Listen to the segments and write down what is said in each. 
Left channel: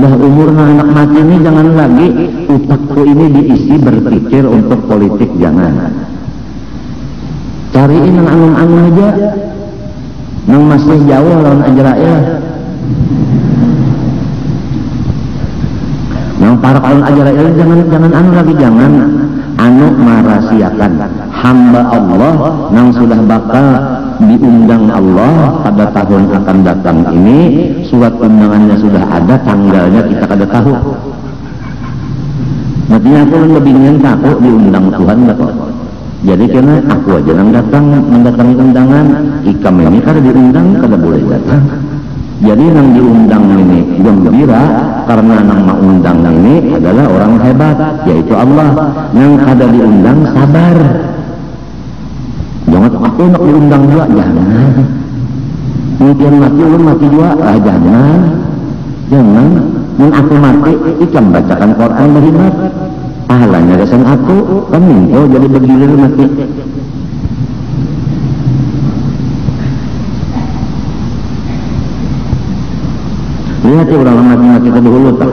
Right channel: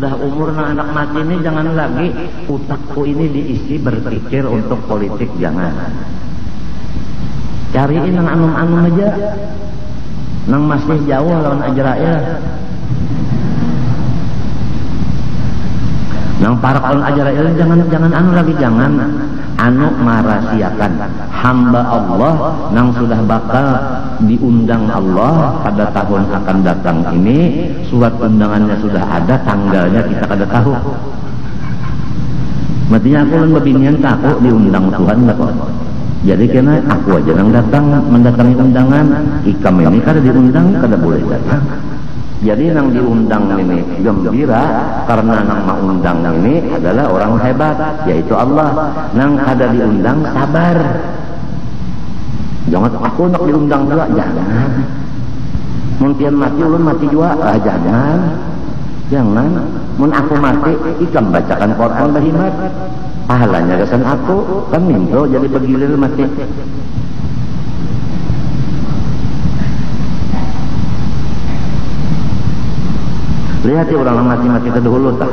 Udah umur anak mati ini jangan lagi utakku ini diisi berpikir untuk politik, jangan. Cariin yang anung-anung aja, yang masih jauh lawan Israel, yang para kaum Israel jangan anu lagi, jangan anu merahasiakan hamba Allah yang sudah bakal diundang Allah pada tahun akan datang ini. Surat undangannya sudah ada, tanggalnya kita kada tahu. Nanti aku lebih ingin tahu diundang Tuhan apa. Jadi karena aku aja yang datang mendatangi undangan, ikam ini kada diundang kada boleh datang. Jadi yang diundang ini gembira karena nama undang ini adalah orang hebat, yaitu Allah. Yang kada diundang sabar. Jangan aku nak diundang juga, jangan. Kemudian mati juga, jangan. Yang aku mati, ikan bacakan Quran dari mat. Pahalanya kesan aku, kan muncul jadi berdiri mati. Lihat tuh orang mati ke dahulu, Pak.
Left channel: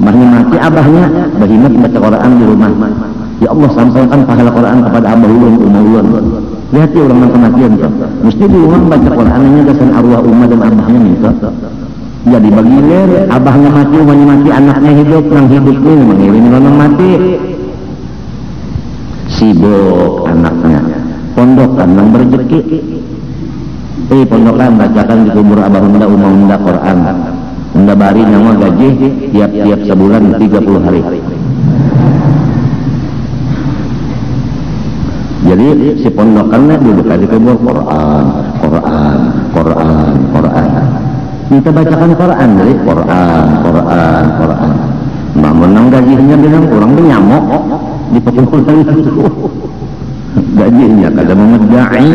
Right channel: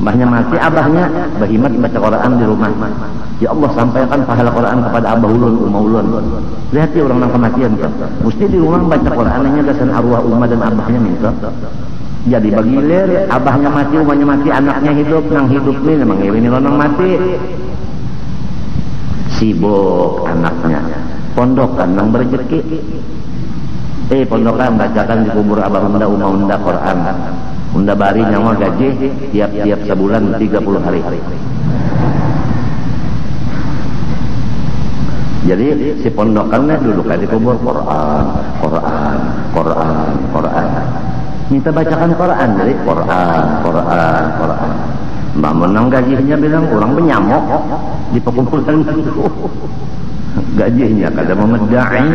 Mahnya mati, abahnya berhimat baca Quran di rumah. Ya Allah, sampaikan pahala Quran kepada abah ulun, umawun. Lihat tuh orang kematian, Pak. Mesti di rumah baca Quran ini kesan arwah umah dan abahnya nih, Pak. Jadi bagian abahnya mati, umahnya mati, anaknya hidup, yang hidup ini mengiring mati. Sibuk anaknya, pondokan yang berjeki. Pondokan bacakan di kubur abah umah Quran. Mendabari nama gaji tiap-tiap sebulan 30 hari. Jadi si pondokannya duduk lagi kubur Quran. Kita bacakan Quran nih, Quran. Namun yang gajinya bilang orang tuh nyamuk di pekul-pekul itu. Gajinya kada nama dai.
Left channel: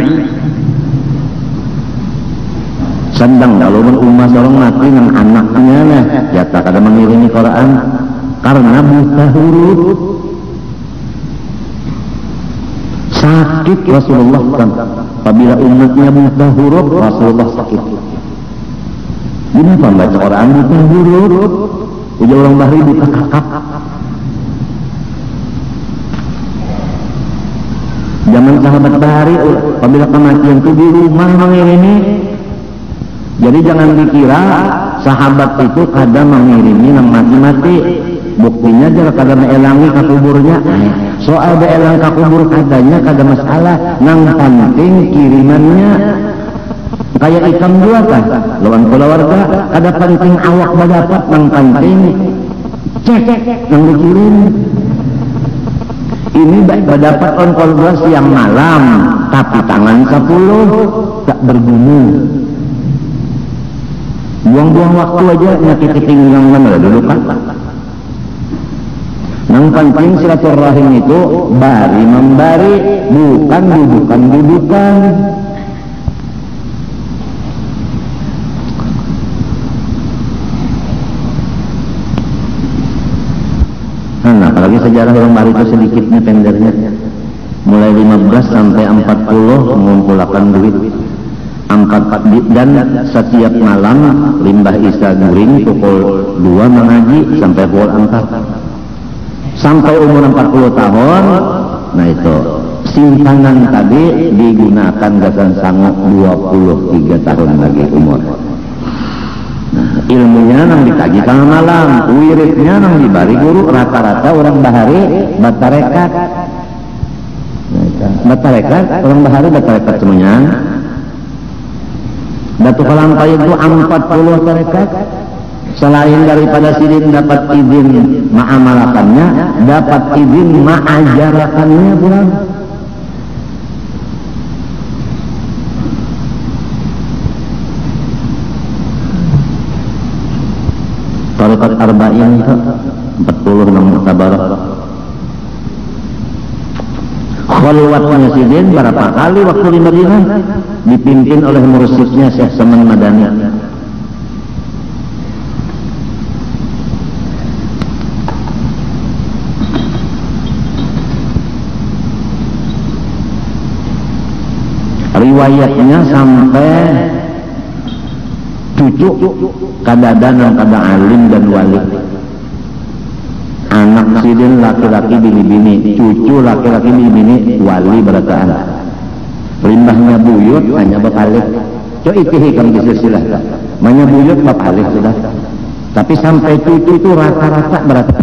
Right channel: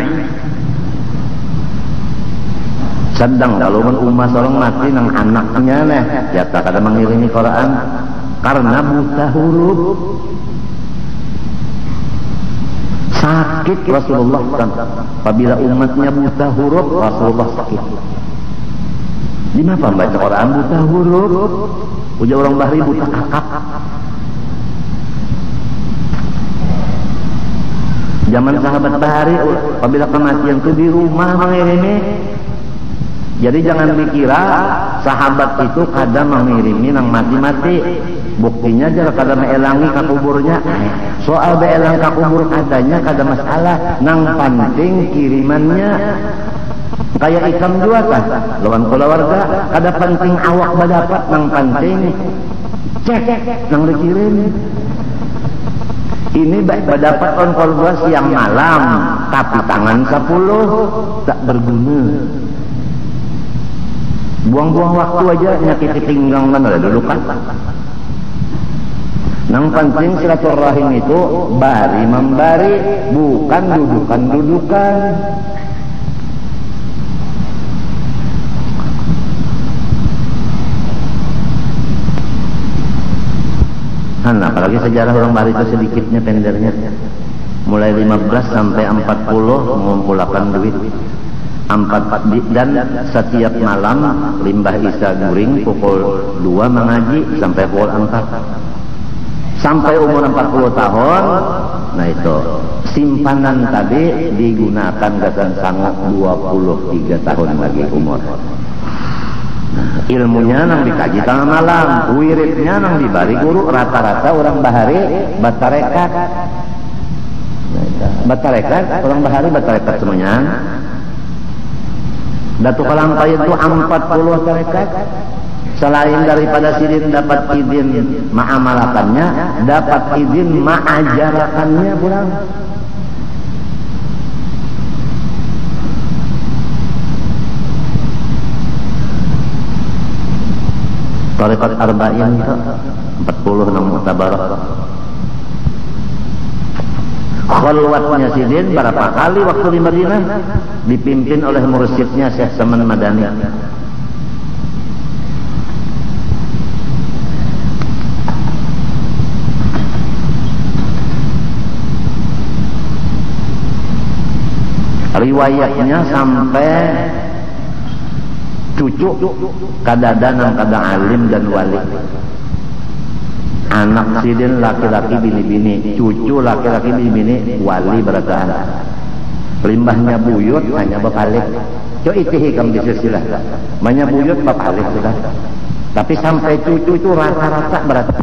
Sambang kalau umat orang mati dengan anaknya lah, ya tak kada mengiringi Quran karena buta huruf. Sakit Rasulullah kan, apabila umatnya buta huruf, Rasulullah sakit. Gimana baca Quran buta huruf? Itu orang bahari buta kakak. Jangan sahabat bahari, apabila kematian itu di rumah mengiringi. Jadi jangan dikira sahabat itu kadang mengiringi yang mati-mati. Buktinya juga kadang mengelangi ke kuburnya. Soal beelang ke kubur kadangnya kada masalah. Yang penting kirimannya. Kayak ikan juga kan, lawan keluarga, ada penting awak dapat, yang penting cek yang dikirim. Ini tidak dapat kontrol siang malam, tapi tangan 10 tak berbunyi. Buang-buang waktu aja nanti ketinggalan mana dulu kan. Yang penting silaturahim itu bari membari, bukan dudukan. Apalagi sejarah orang baru itu sedikit nih tenggarnya. Mulai 15 sampai 40 mengumpulkan duit 4 dan setiap malam limbah Isya Guring pukul 2 mengaji sampai pukul 4 sampai umur 40 tahun. Nah itu simpanan tadi digunakan dengan sangat 23 tahun lagi umur. Ilmunya yang dikaji tengah malam, wiridnya yang dibari guru, rata-rata orang bahari batarekat. Orang bahari batarekat semuanya. Batu Kalangkai itu 40 tarekat. Selain daripada sidin dapat izin ma'amalakannya, dapat izin ma'ajarakannya kurang. Tarekat arba'in 40 Mu'tabarah. Khalwatnya sidin berapa kali waktu di Madinah dipimpin oleh mursyidnya Syekh Saman Madani. Riwayatnya sampai 7 cucu kadang yang pada alim dan wali, anak sidin laki-laki bini-bini, cucu laki-laki bini-bini wali berataan. Limbahnya buyut hanya beralih. So itu kan bisa silahkan. Namanya buyut beralih sudah. Tapi sampai cucu itu rata-rata berapa?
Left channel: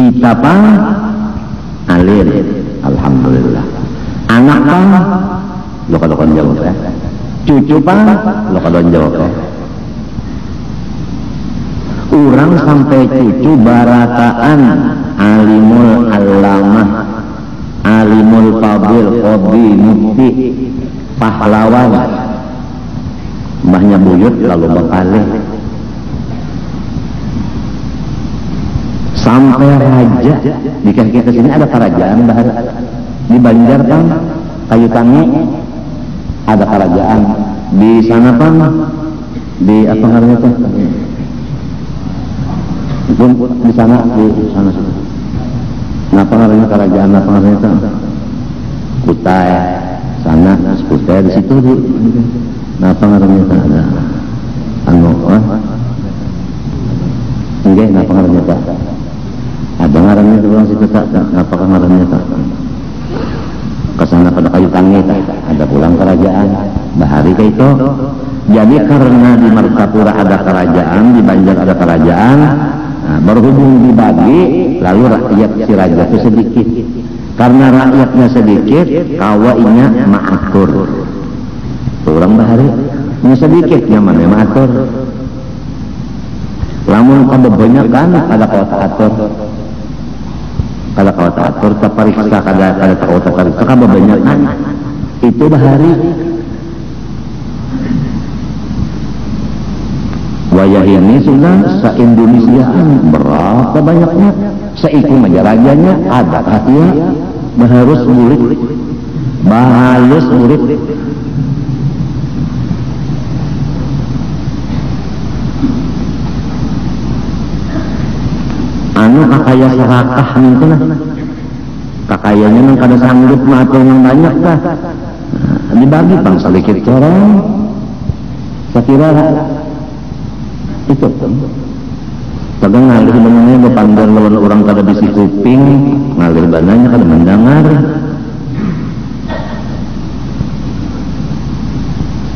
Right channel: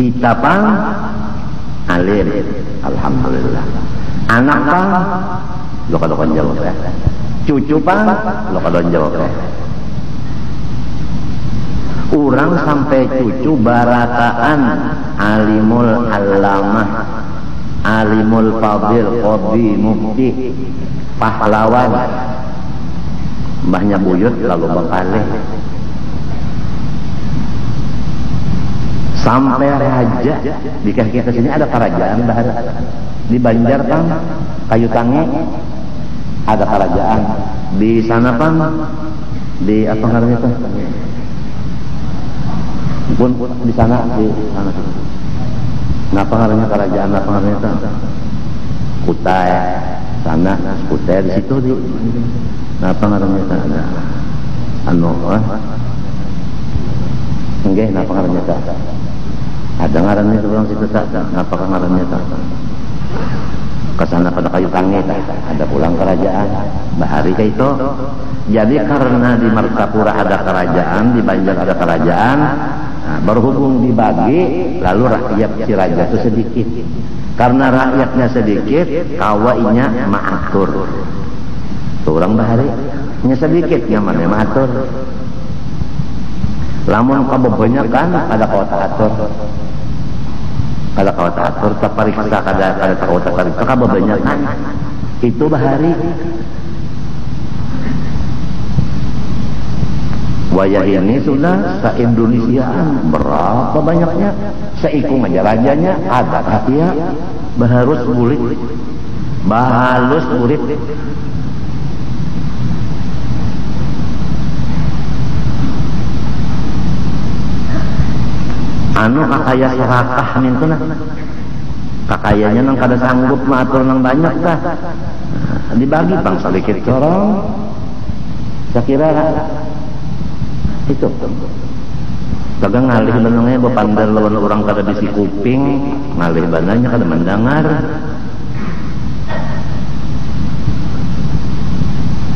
Kita pang alir, alhamdulillah. Anak pang lo kadang jauh ya. Cucu pang lo kadang jauh. Orang sampai cucu barataan alimul alamah, alimul fadil, qadhi, mufti, pahlawan. Mbahnya buyut lalu beralih. Sampai raja di kaki ke sini ada kerajaan bahar di Banjar kan kayu tangi ada kerajaan di sana kan di apa namanya tuh itu di sana apa namanya kerajaan apa namanya tuh kita sana kita di situ di apa namanya tuh enggak apa namanya tuh ada ngarannya juga masih kita apakah ngarannya Pak kesana pada kayu tangi ada pulang kerajaan bahari ke itu. Jadi karena di Martapura ada kerajaan, di Banjar ada kerajaan, nah, berhubung dibagi lalu rakyat si raja itu sedikit. Karena rakyatnya sedikit kawainya maatur pulang bahari ini sedikit namanya maatur. Lamun kebanyakan ada kota atur. Kalau kau tak atur, periksa kada kau tak periksa kada banyak kan? Itu dah hari. Wayah ini sudah se-Indonesiaan berapa banyaknya? Seitu negaranya ada hatinya berharus buruk, bahayus buruk. Kakaya serakah itu kakayanya yang kada sanggup maupun yang banyak dah dibagi bang sedikit orang saya kira itu kadang ngalir sebenarnya dipanggil oleh orang kada bisi kuping ngalir banyak kada mendengar.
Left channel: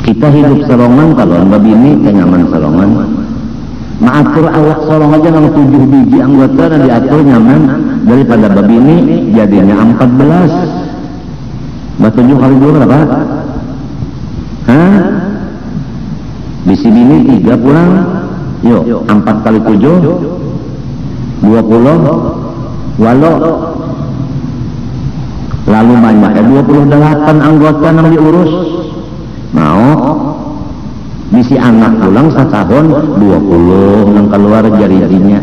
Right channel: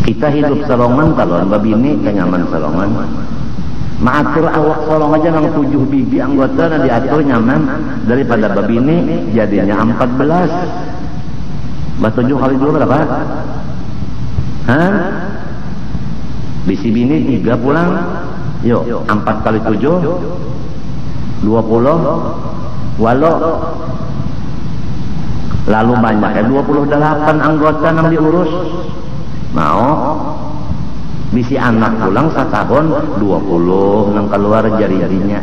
Kita hidup sorongan kalau anda bini kenyaman sorongan. Maatur awak seorang aja yang 7 biji anggota dan diatur nyaman daripada babi ini jadinya 14. Baca 7 kali 2 berapa? Di sini 3 pulang. Yuk 4 kali 7 20. Lalu banyak 28 anggota yang diurus. Mau misi anak pulang setahun 20 yang keluar jadinya.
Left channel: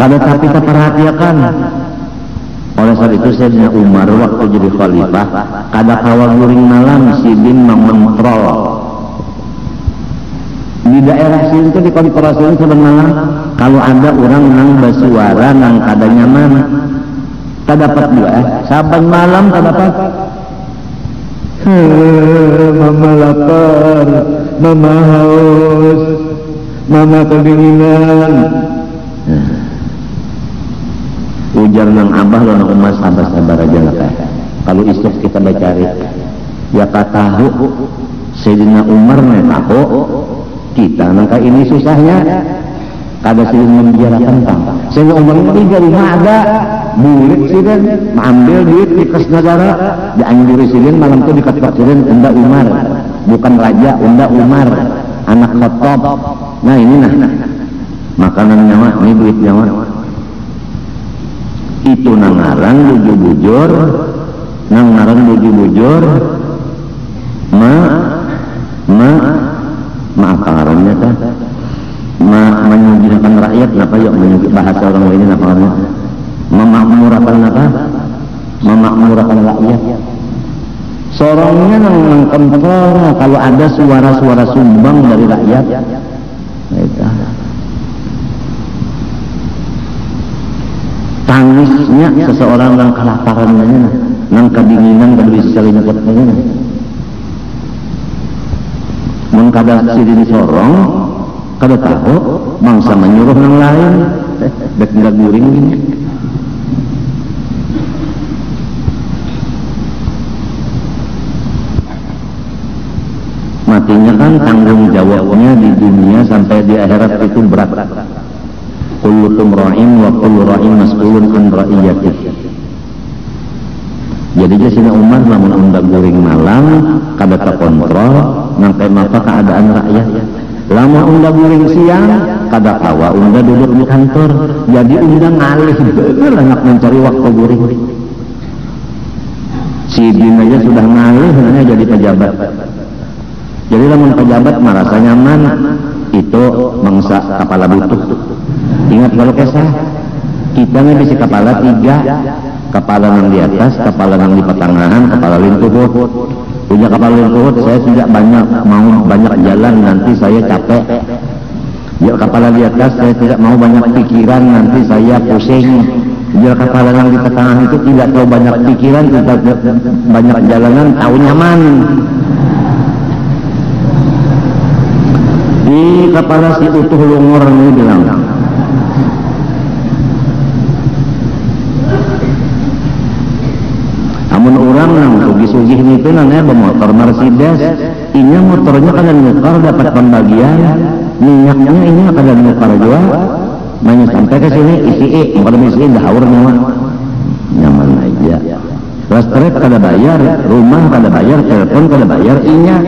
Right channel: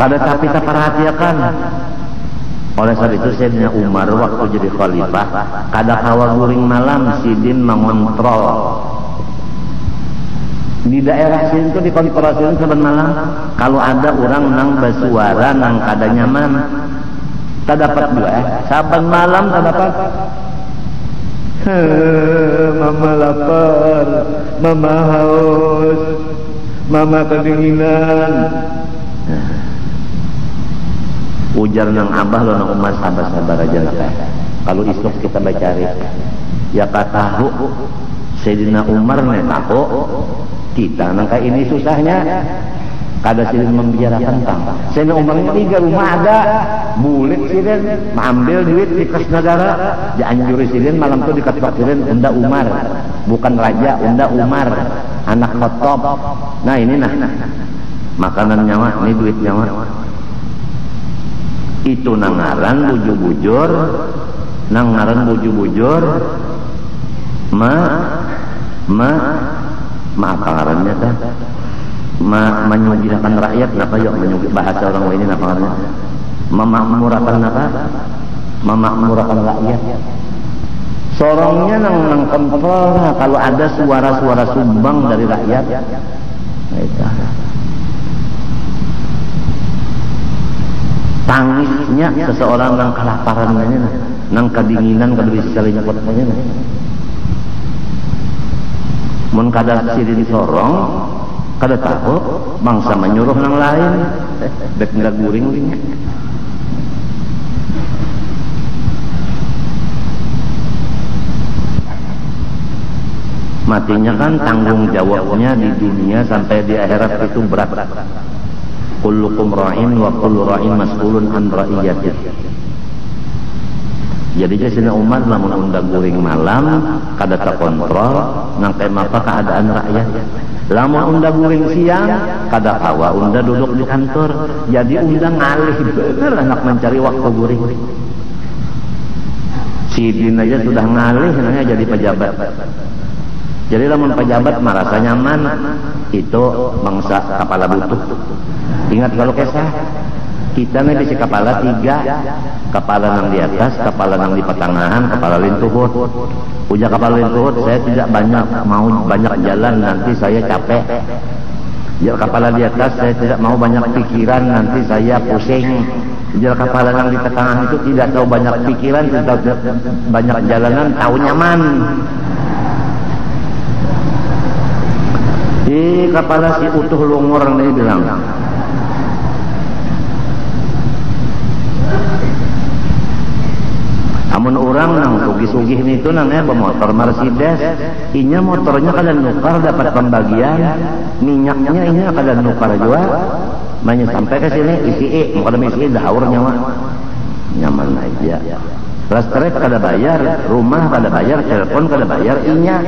Kalau tapi kita perhatikan oleh saat itu Sayyidina Umar waktu jadi khalifah kada kawagurin malam sidin mengontrol di daerah sini itu dikontrolin sebenarnya kalau ada orang yang bersuara yang kada nyaman tak dapat dia saban malam tak dapat mama lapar mama haus mama kedinginan ujar yang abah dan umar sabar-sabar aja lah kalau istok kita bercari ya katahu Sayyidina Umar tahu kita maka ini susahnya kada sulit membicarakan tentang Sayyidina Umar itu dari ada duit sidin mengambil duit di kas negara dianjur sidin malam itu dikatakan sidin Unda Umar bukan raja Unda Umar anak Khattab. Nah ini nah makanan nyawa ini duit nyawa itu nangarang bujur-bujur nangarang bujur-bujur maakarannya kan memujikan rakyat apa yang bahasa orang lain apa memakmurkan apa memakmurkan rakyat seorangnya yang kontrolnya kalau ada suara-suara sumbang dari rakyat. Tangisnya seseorang yang kelaparan ini, yang kedinginan dan bisa saling ketemu. Mengkada sirin sorong, kada tahu bangsa menyuruh yang lain, tidak guring ini. Matinya kan tanggung jawabnya di dunia sampai di akhirat itu berat. Kullukum ra'in wa kullu ra'in mas'ulun an ra'iyatih. Jadi dia sudah Umar namun umbak guring malam kada terkontrol sampai maka keadaan rakyat. Lama umbak guring siang kada kawa umbak duduk di kantor. Jadi umbak ngalih bener anak mencari waktu guring. Si dunia sudah ngalih jadi pejabat. Jadi kan pejabat merasa nyaman itu mangsa kepala butuh. Ingat kalau kesah kita nih bisa kepala 3, kepala yang di atas, kepala yang di pertengahan, kepala lingkup. Punya kepala lingkup saya tidak banyak mau banyak jalan nanti saya capek. Ya kepala di atas saya tidak mau banyak pikiran nanti saya pusing. Biar kepala yang di pertengahan itu tidak tahu banyak pikiran kita banyak jalanan tahu nyaman. Di kepala si utuh lungor ini bilang namun orang yang sugi-sugi itu namanya bermotor Mercedes ini motornya kada nyukar dapat pembagian minyaknya ini kada nyukar juga nanya sampai ke sini isi kada mesti dahur memang nyaman aja listrik kada bayar rumah kada bayar telepon kada bayar ingat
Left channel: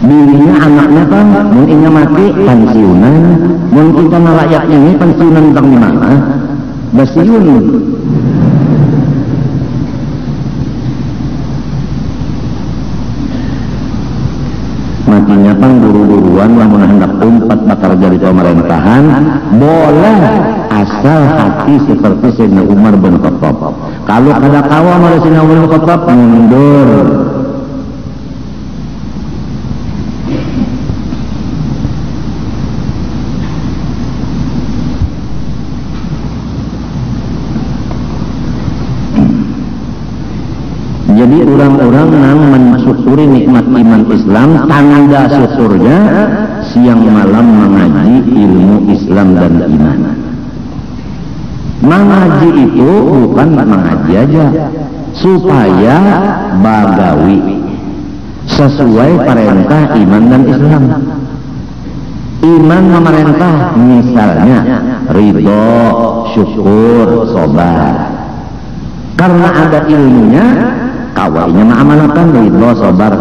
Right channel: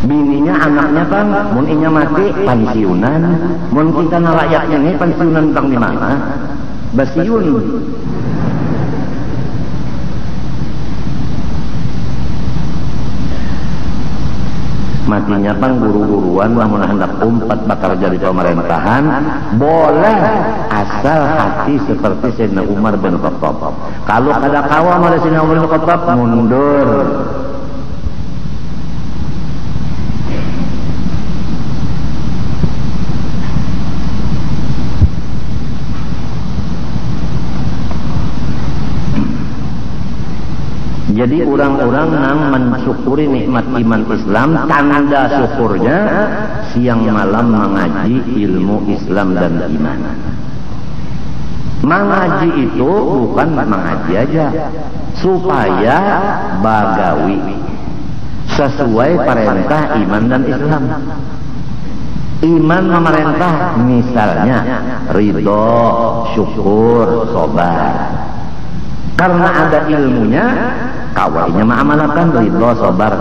dirinya anaknya kan mungkin mati pensiunan mungkin sama rakyat ini pensiunan bagaimana basiun matinya kan guru-guruan yang menghendak umpat bakal jadi pemerintahan boleh asal hati seperti Sayyidina Umar bin Khattab. Kalau ada kawan dari Sayyidina Umar bin Khattab mundur. Jadi orang-orang yang mensyukuri nikmat iman Islam tanda syukurnya siang malam mengaji ilmu Islam dan iman. Mengaji itu bukan mengaji aja supaya bagawi sesuai perintah iman dan Islam. Iman memerintah misalnya ridho, syukur, sabar. Karena ada ilmunya awalnya amalkan ridho, sabar,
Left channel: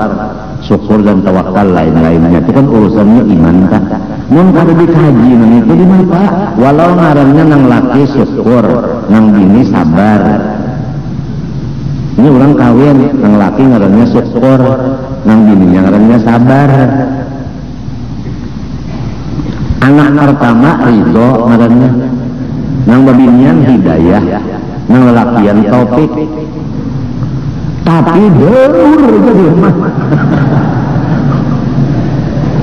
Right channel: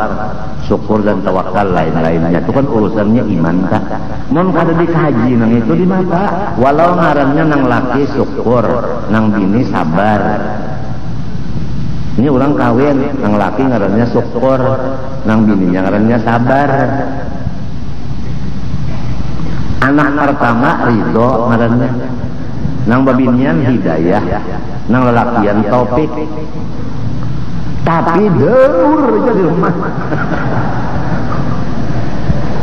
syukur dan tawakal lain-lainnya itu kan urusannya iman tak. Nun kalau dikaji itu di mata walau ngarannya yang laki syukur, yang bini sabar. Ini orang kawin yang laki ngarannya syukur, yang bini ngarannya sabar. Anak pertama ridho ngarannya, yang bininya hidayah, yang lakian taufik. Tapi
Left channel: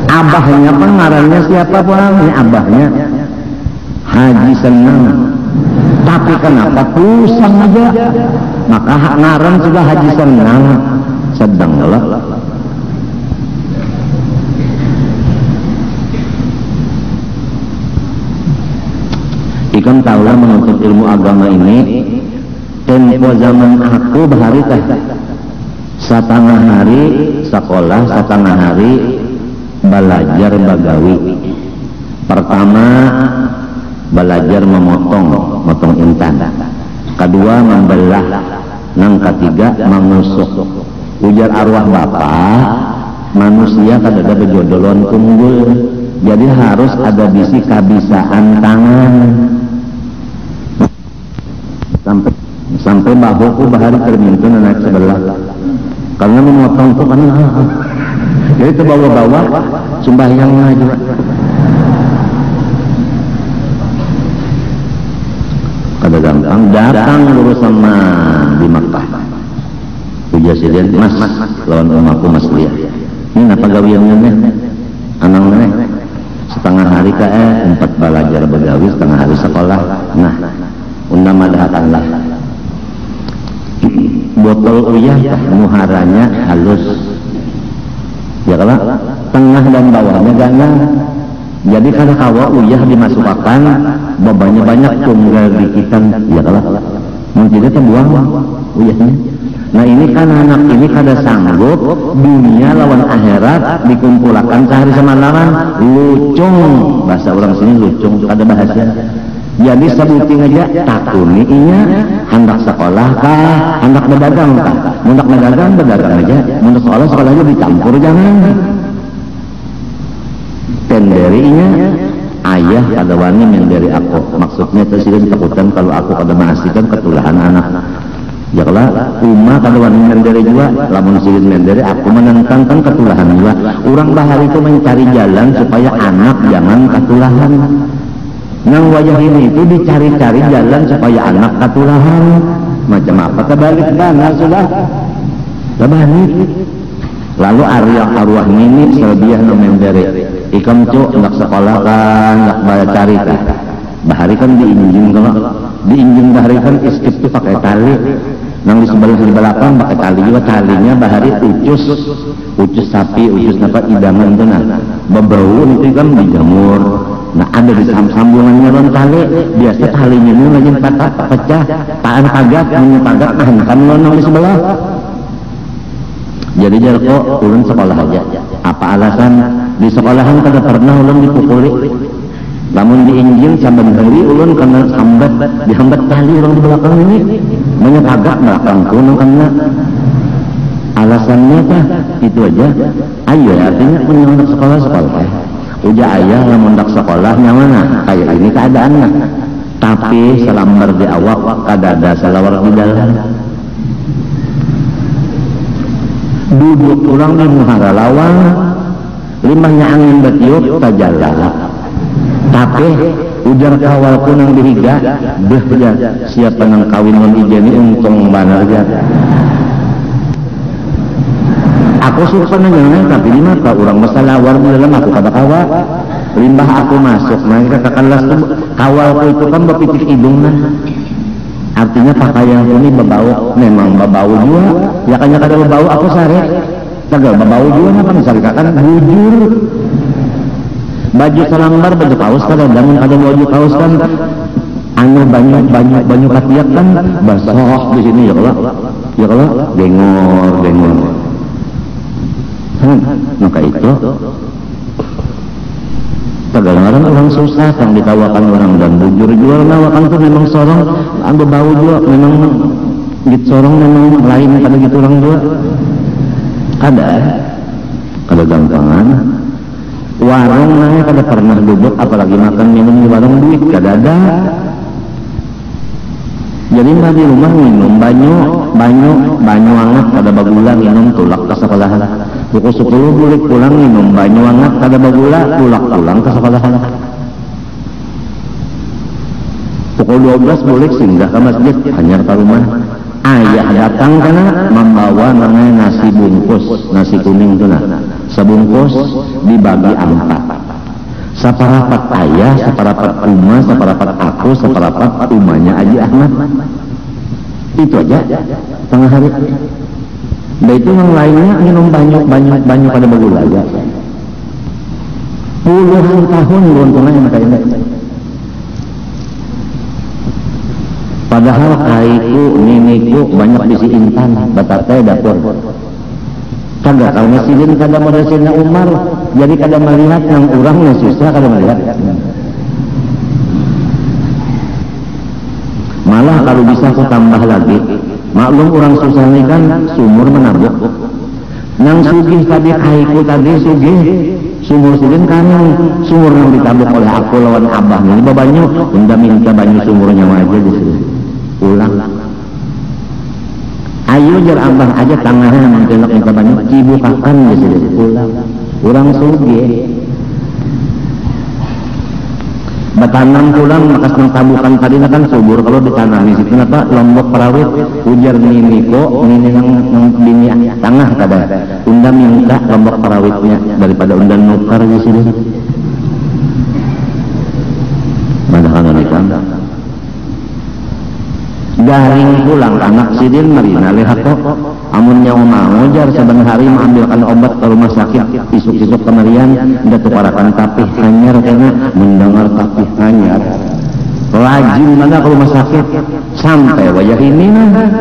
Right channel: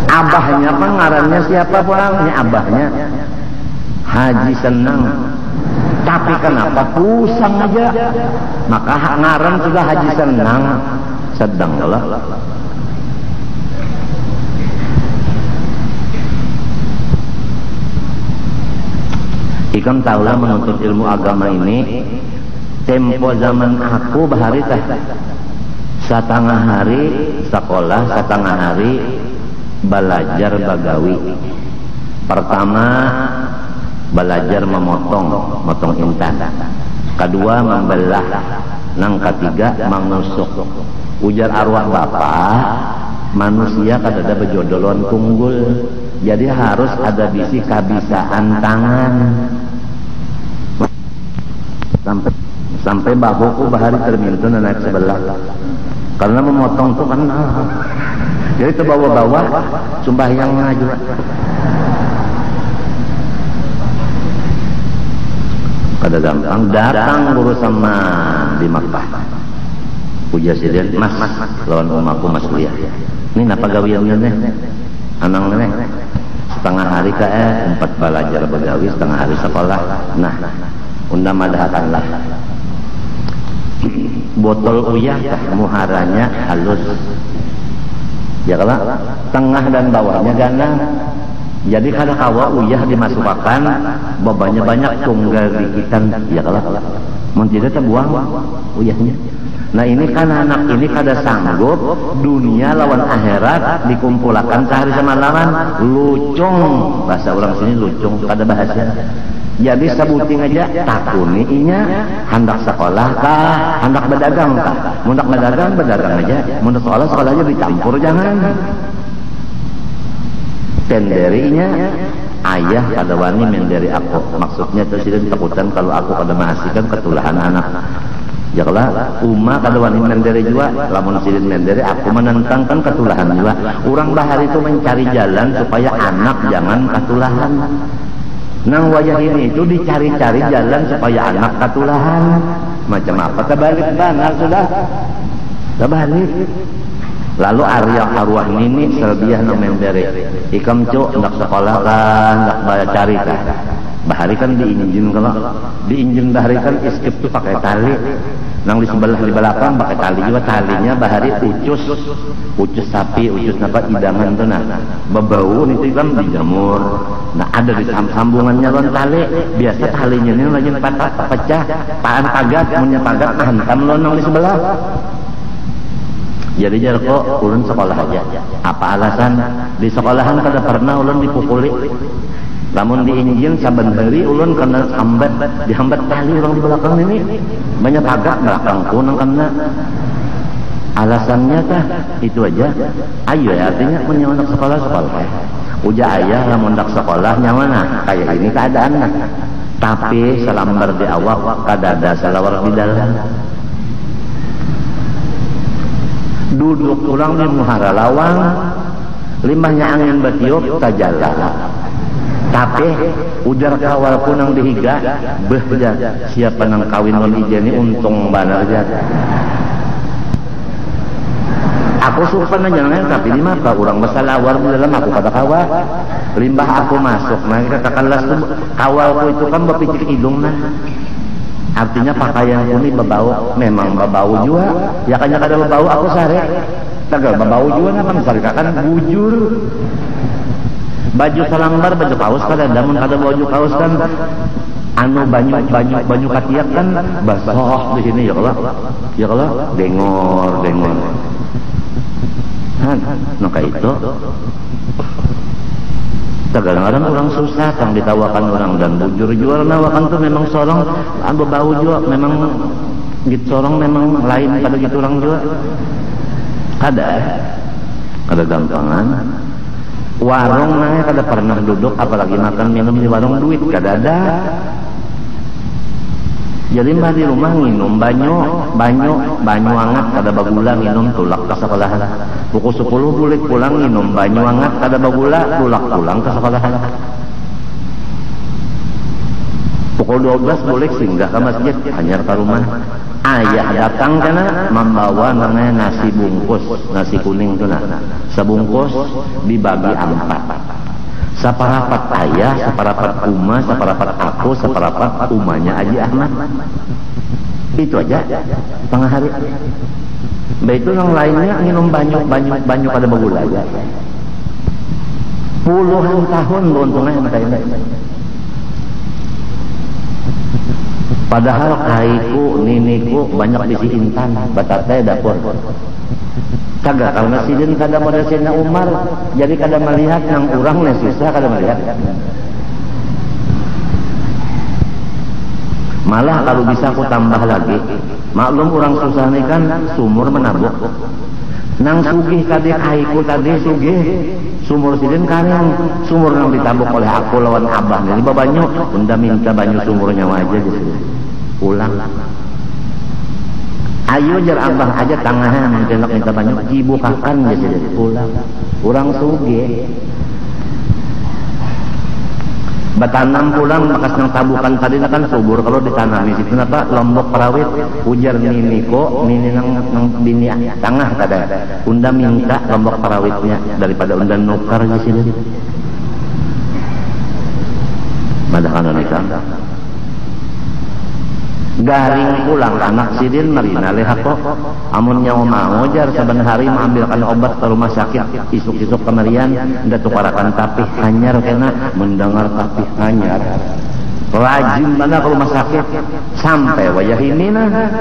abahnya pengarangnya siapa pun abahnya Haji Senang. Tapi kenapa pusing aja? Maka hak ngarang sudah Haji Senang sedanglah. Ikan tahu menuntut ilmu agama ini tempo zaman aku baharukah satana hari sekolah, satana hari belajar bagawi. Pertama belajar memotong intan, kedua membelah, yang ketiga mengusuk. Ujar arwah bapak manusia kan ada bejodolan tunggul, jadi harus ada bisi kabisaan tangan sampai bahuku bahari termintin anak sebelah. Karena memotong itu kan jadi itu bawa-bawa sembahyangnya juga. Kada gampang datang urusan di Makkah. bahwa uyah dimasukkan bebannya banyak tunggal dikitan ya kalau mungkin kan buang uyahnya. Nah ini kan anak ini kada sanggup dunia lawan akhirat dikumpulkan sehari semalam lucung bahasa orang sini lucung kada bahasa. Jadi sebutin aja takuni ini hendak sekolah kah hendak berdagang kah hendak berdagang aja hendak sekolahnya dicampur jangan. Tenderi ini ayah kada wani memberi aku maksudnya presiden ditakutan kalau aku kada menghasilkan ketulahan anak ya kalau rumah kada wani memberi juga lamun silin memberi aku menentangkan ketulahan juga orang bahari itu mencari jalan supaya anak jangan ketulahan yang wajah ini itu dicari-cari jalan supaya anak ketulahan macam apa kebalik dana sudah kebalik lalu arwah-arwahnya ini sediah memberi ikan cok nak sekolah kan nak bayar cari kan bahari kan diinjing sama diinjing bahari kan istri itu pakai tali yang di sebelah belakang pakai tali juga talinya bahari ucus sapi ucus apa idaman itu nah berbau mungkin kan dijamur nah ada di sambungannya dan tali biasa talinya ini lagi patah pecah tahan pagat menyepagat tahan kamuan yang di sebelah jadi dia kok turun sekolah aja apa alasan di sekolahan kada pernah ulun dipukuli namun diinjin saben hari ulun kena sambat dihambat tali ulun di belakang ini banyak agak belakang kunangnya alasannya kah itu aja ayo artinya menyambut sekolah udah ayah namun tak sekolah mana kayak ini keadaannya tapi selambar di awak kada ada selawar budaya duduk kurang menghara lawan limbahnya angin betiup tajala tapi ujar kawal pun yang dihiga dia siap dengan kawin yang dijeni untung banget aja aku suka nengang tapi ini apa orang masalawar bilang aku kata kawa limbah aku masuk mereka katakanlah kawalku itu kan berpitik hidungnya artinya pakaian ini berbau memang berbau juga ya kan kada berbau aku sare kagak berbau juga kan sarikakan bujur baju selambar baju kaos kadang ada baju kaos kan anu banyak katiak kan basah di sini ya kalau gengor maka itu kedengaran orang susah kan dikawakan orang dan bujur juga nawakan itu memang seorang ambil bau juga memang di seorang memang lain pada gitu orang juga ada gampangan warung mana kada pernah duduk apalagi makan minum di warung duit kada ada jadi nabi rumah minum banyu hangat kada bagula minum tulak ke sekolah pukul 10 bulik pulang minum banyu hangat kada bagula tulak pulang ke sekolah pukul 12 bulik singgah ke masjid hanyar ke rumah ayah datang kana membawa namanya nasi bungkus nasi kuning kana sebungkus dibagi 4 separapat ayah, separapat Uma, separapat aku, separapat umanya Aji Ahmad itu aja tengah hari itu yang lainnya minum banyak pada bagula ya puluhan tahun belum pernah mata ini padahal kaiku, miniku banyak bisi intan batatnya dapur kagak karena silin kada meresenya Umar jadi kada melihat yang orangnya susah kada melihat malah kalau bisa aku tambah lagi maklum orang susah ini kan sumur menabuk yang sugih tadi kaiku tadi sugih sumur silin kanan sumur yang ditabuk oleh aku lawan abahnya ini banyak hingga minta banyak sumurnya aja di sini pulang ayo jar abang aja tangannya mencelak yang banyak cibukakan di sini pulang orang sugih bertanam pulang makas ng tabukan tadi kan subur kalau bertanam di situ apa lombok perawit ujar miniko bini tanah pada undan minta lombok perawitnya daripada undan mukar di sini garing pulang anak sidin merina lihat kok amun yang mau jar sedang hari mengambilkan obat ke rumah sakit besok-besok kemarian udah keparakan tapih hanyar karena mendengar tapih hanyar rajin banget ke rumah sakit sampai wajah ini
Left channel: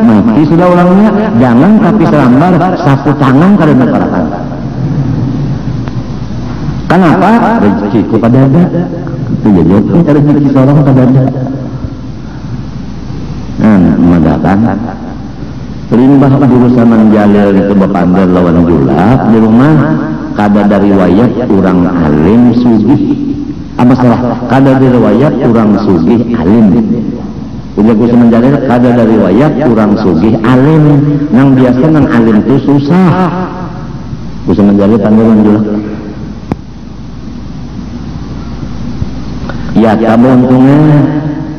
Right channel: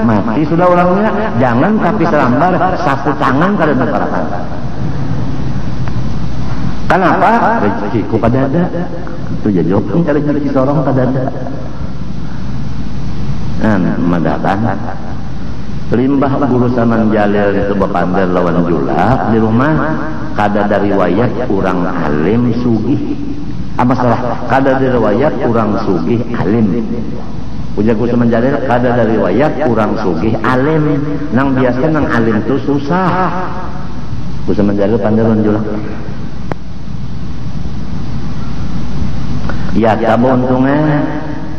mati sudah orangnya jangan kaki selambar sapu tangan kalau keparakan. Kenapa? Rezeki kepada ada itu ya itu kalau rezeki seorang pada ada mendatang limbah jurusan menjalil itu berpandar lawan julak di rumah kada dari riwayat kurang alim sugih apa salah kada dari riwayat kurang sugih alim jurusan menjalil kada dari riwayat kurang sugih alim yang biasa yang alim itu susah jurusan menjalil pandar julak ya kamu untungnya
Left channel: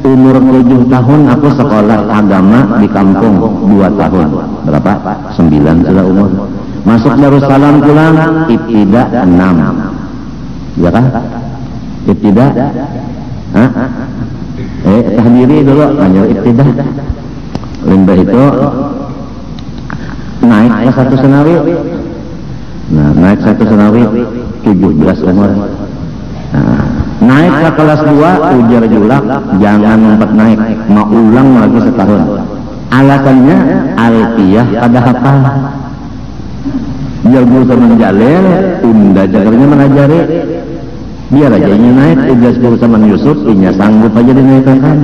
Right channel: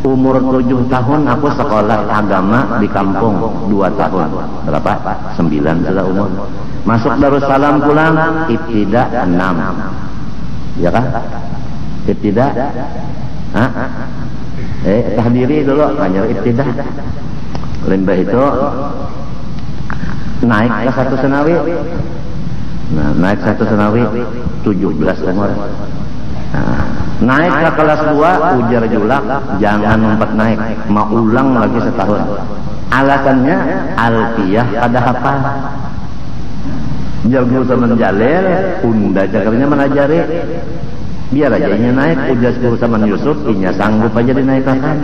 umur 7 tahun aku sekolah agama di kampung 2 tahun berapa? 9 sudah umur masuk Darussalam pulang ibtidah 6 ya kan? Ibtidah tahdiri dulu ibtidah limbah itu naik ke 1 senawi naik 1 senawi 17 umur naik ke kelas 2 ujar julak jangan ngumpet naik mau ulang lagi setahun alasannya alfiyah pada hafal biar jurusan menjalil unda jakarnya mengajari biar aja ini naik ujar jurusan menyusut ini sanggup aja dinaikkan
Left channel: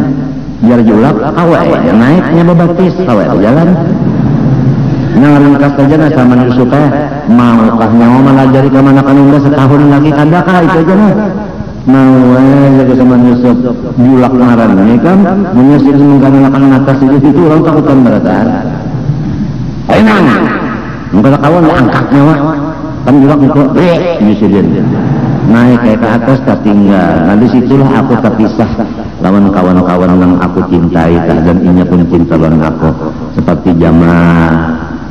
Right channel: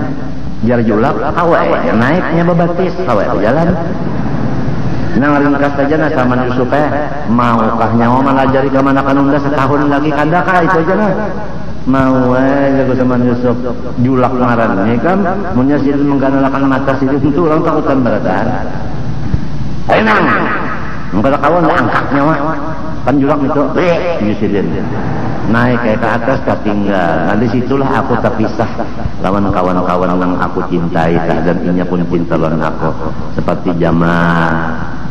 biar julak awal naik nama baptis awal jalan nah ringkas saja nih sama nyusutnya maukah mau mengajari karena makan unda setahun lagi kadakah itu aja nih nah ya sama menyusut bulak marah ini kan menyusut dengan makan atas itu orang takutan perasaan ayo mereka kawan angkatnya kan bulak itu menyusutin naik ke atas tapi enggak nah disitulah aku terpisah lawan kawan-kawan yang aku cintai dan ini pun cinta lawan aku seperti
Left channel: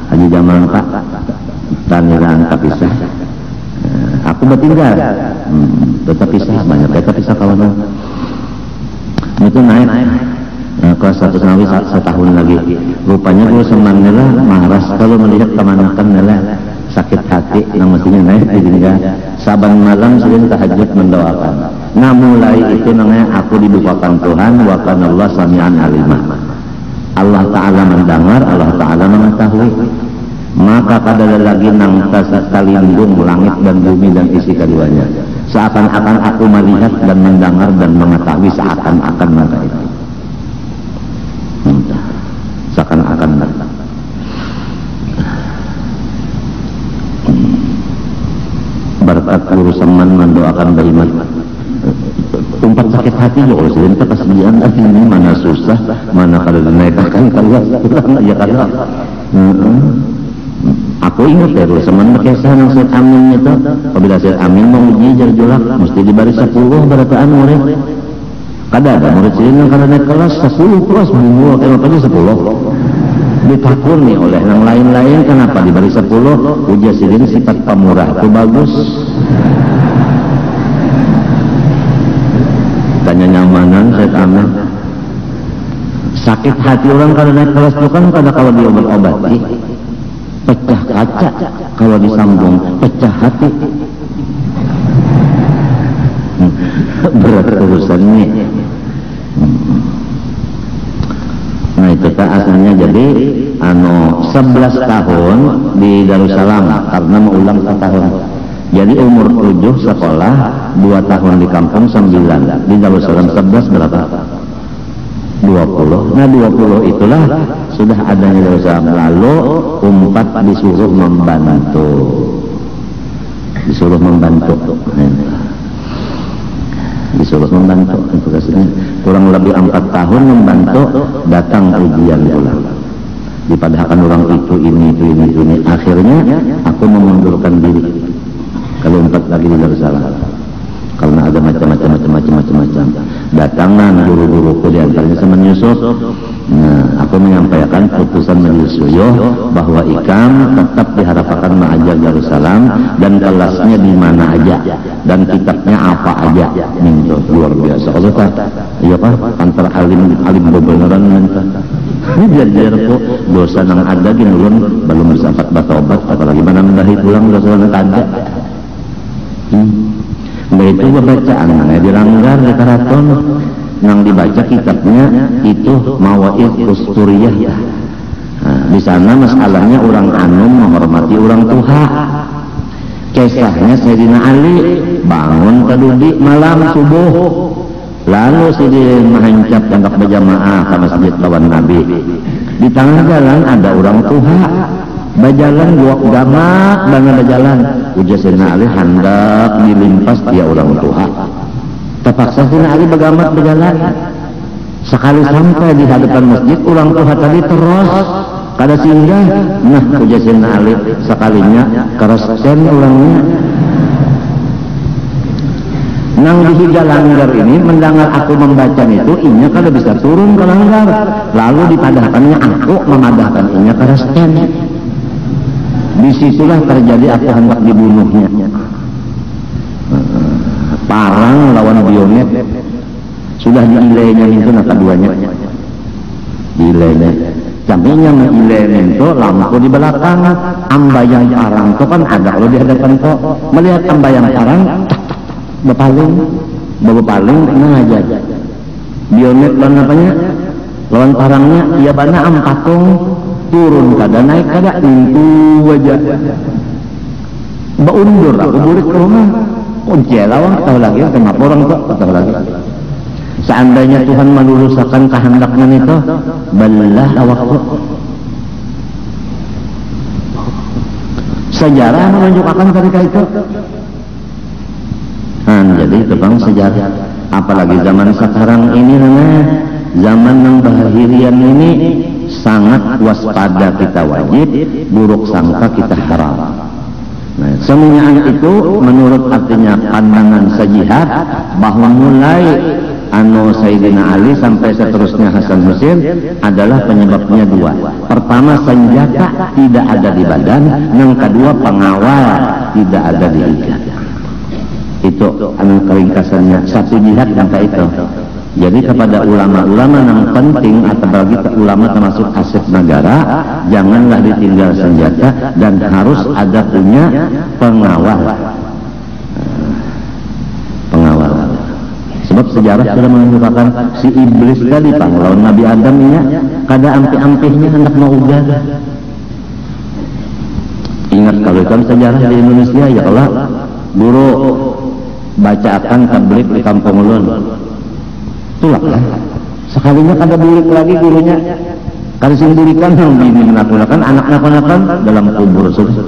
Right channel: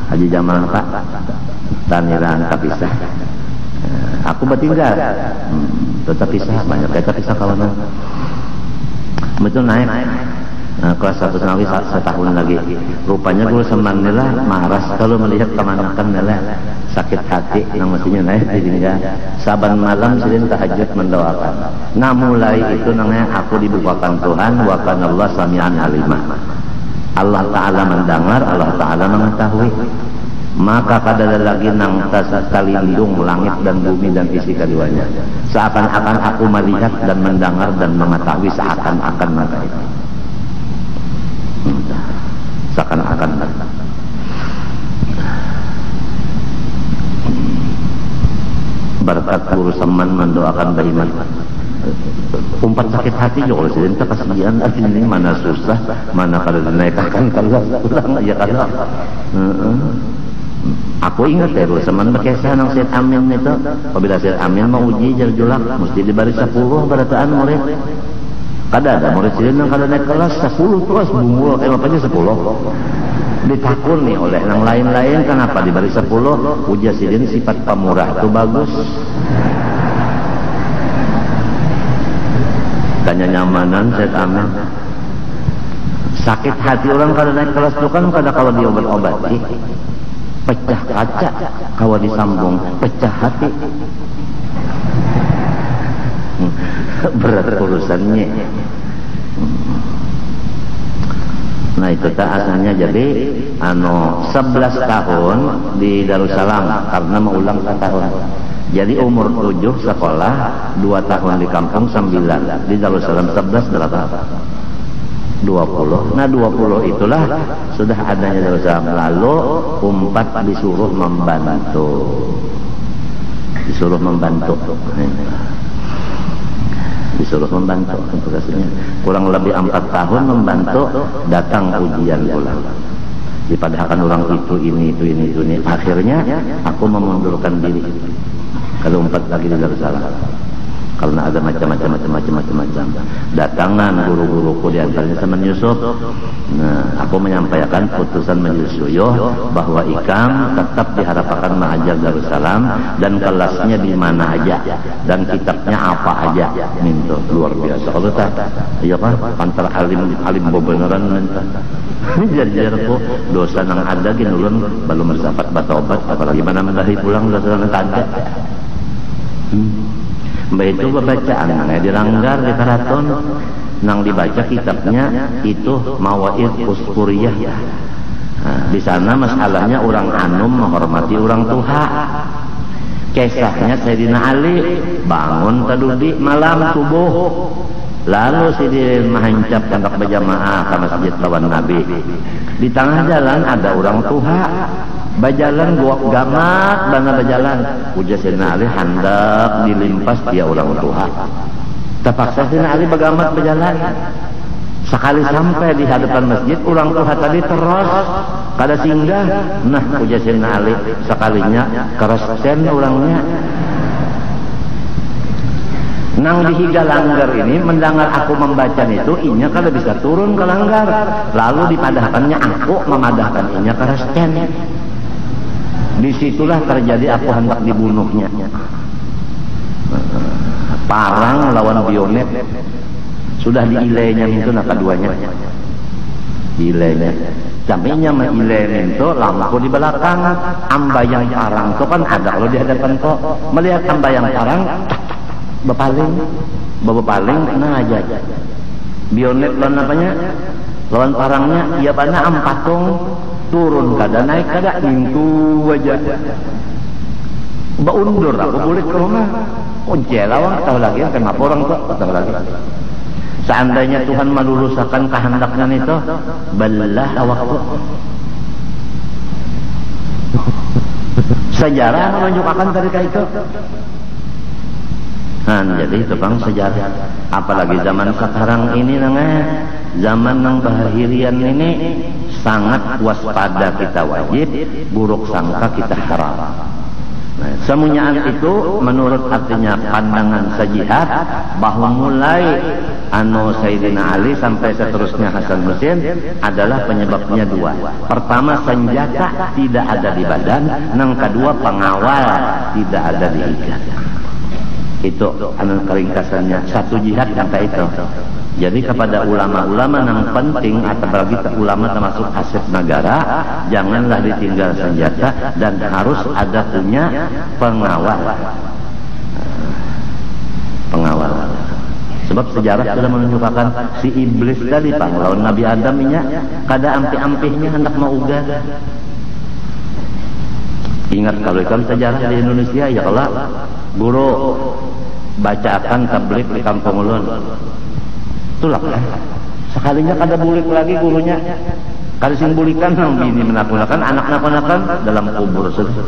Haji Jamal Pak dan orang terpisah aku bertinggal tetap pisah kawan itu naik kelas 1 senawi setahun lagi rupanya dia senangnya lah maras kalau melihat kemanakan lah sakit hati yang mestinya naik sehingga saban malam sering tahajud mendoakan nah mulai itu namanya aku dibukakan Tuhan wa kana Allah sami'an alima Allah Ta'ala mendengar Allah Ta'ala mengetahui maka pada lagi nang terlindung langit dan bumi dan isi keduanya seakan-akan aku melihat dan mendengar dan mengetahui seakan-akan mengetahui seakan-akan mengetahui berkat urusan mendoakan beriman tempat sakit hati ya Allah kita kasihan ini mana susah mana kalau dinaikkan terlihat ya kalau aku ingat dari semen berkesan Syed Amin itu apabila Syed Amin mau uji jerjolak mesti diberi 10 berapa murid ada murid sini kalau naik kelas 10 kelas minggu kenapa aja 10 ditakur nih oleh yang lain-lain kenapa diberi 10 uji segini sifat pemurah itu bagus tanya nyamanan Syed Amin sakit hati orang kalau naik kelas itu kan pada kalau diobat-obati pecah kaca kalau disambung pecah hati berat urusannya nah kita aslinya jadi 11 tahun di Darussalam karena mengulang tahun jadi umur 7 sekolah 2 tahun di kampung 9 di Darussalam 11 berapa? 20 nah 20 itulah sudah ada lulusan lalu 4 disuruh membantu disuruh membantu untuk kurang lebih 4 tahun membantu datang ujian ulang dipadahkan orang itu ini akhirnya aku mengundurkan diri kalau 4 lagi di Darussalam karena ada macam-macam datangan guru-guruku di antaranya sama Yusuf nah aku menyampaikan putusan Yusuf bahwa ikan tetap diharapkan mengajar Darussalam dan kelasnya di mana aja dan kitabnya apa aja itu luar biasa kalau iya kan antara alim beberapa ini biar kok dosa yang ada di mulut belum bisa bertobat apalagi menambahi pulang dosa yang ada Dari itu bacaannya dilanggar di keraton yang dibaca kitabnya itu Mawaid Usturiyah. Di sana masalahnya orang anu menghormati orang tua. Kisahnya Sayyidina Ali bangun kedudi malam subuh, lalu sudah menghengcat hendak berjamaah ke masjid lawan Nabi. Di tengah jalan ada orang tua berjalan dua gamak dengan berjalan. Ujar Sayyidina Ali hendak dilimpas dia orang tua. Terpaksa Sayyidina Ali bergamak berjalan. Sekali sampai di hadapan masjid, orang tua tadi terus kada singgah. Nah, ujar Sayyidina Ali sekalinya keroskan orangnya. Yang dihiga langgar ini mendengar aku membaca itu, ini kada bisa turun ke langgar. Lalu dipadahkannya aku memadahkan ini keroskan. Disitulah terjadi aku hendak dibunuhnya. Parang lawan biomet. Sudah diilainya itu nak keduanya. Diilainya. Sampingnya mengilainya itu lampu di belakang. Ambayang parang itu kan ada kalau di hadapan kok. Melihat ambayang parang, berpaling. Berpaling, mengajar. Biomet dan apanya? Lawan parangnya, ia banyak ampakong. Turun kada naik kada itu wajah. Baundur aku buruk ke rumah. Oh jelawang tak lagi kenapa orang kok tak lagi. Seandainya Tuhan meluruskan kehendaknya itu, balilah awakku. Sejarah menunjukkan cerita itu. Jadi tentang sejarah. Apalagi zaman sekarang ini namanya zaman yang bahilian ini. Sangat waspada kita wajib, buruk sangka kita haram. Nah, semuanya itu menurut artinya pandangan sejihad bahwa mulai Sayyidina Ali sampai seterusnya Hasan Husain adalah penyebabnya dua. Pertama, senjata tidak ada di badan. Yang kedua, pengawal tidak ada di lidah. Itu keringkasannya satu jihad maka itu. Jadi kepada ulama-ulama yang penting atau bagi ulama termasuk aset negara, janganlah ditinggal senjata dan harus ada punya pengawal. Pengawal. Sebab sejarah sudah menunjukkan si iblis tadi lawan Nabi Adam ini kada ampi-ampihnya hendak mau ujar. Ingat kalau kan sejarah di Indonesia ya Allah, guru bacakan tabligh di kampung ulun. Itulah sekalinya pada buruk lagi gurunya kalau sendirikan yang melakukan anaknya ponakan dalam kubur sudah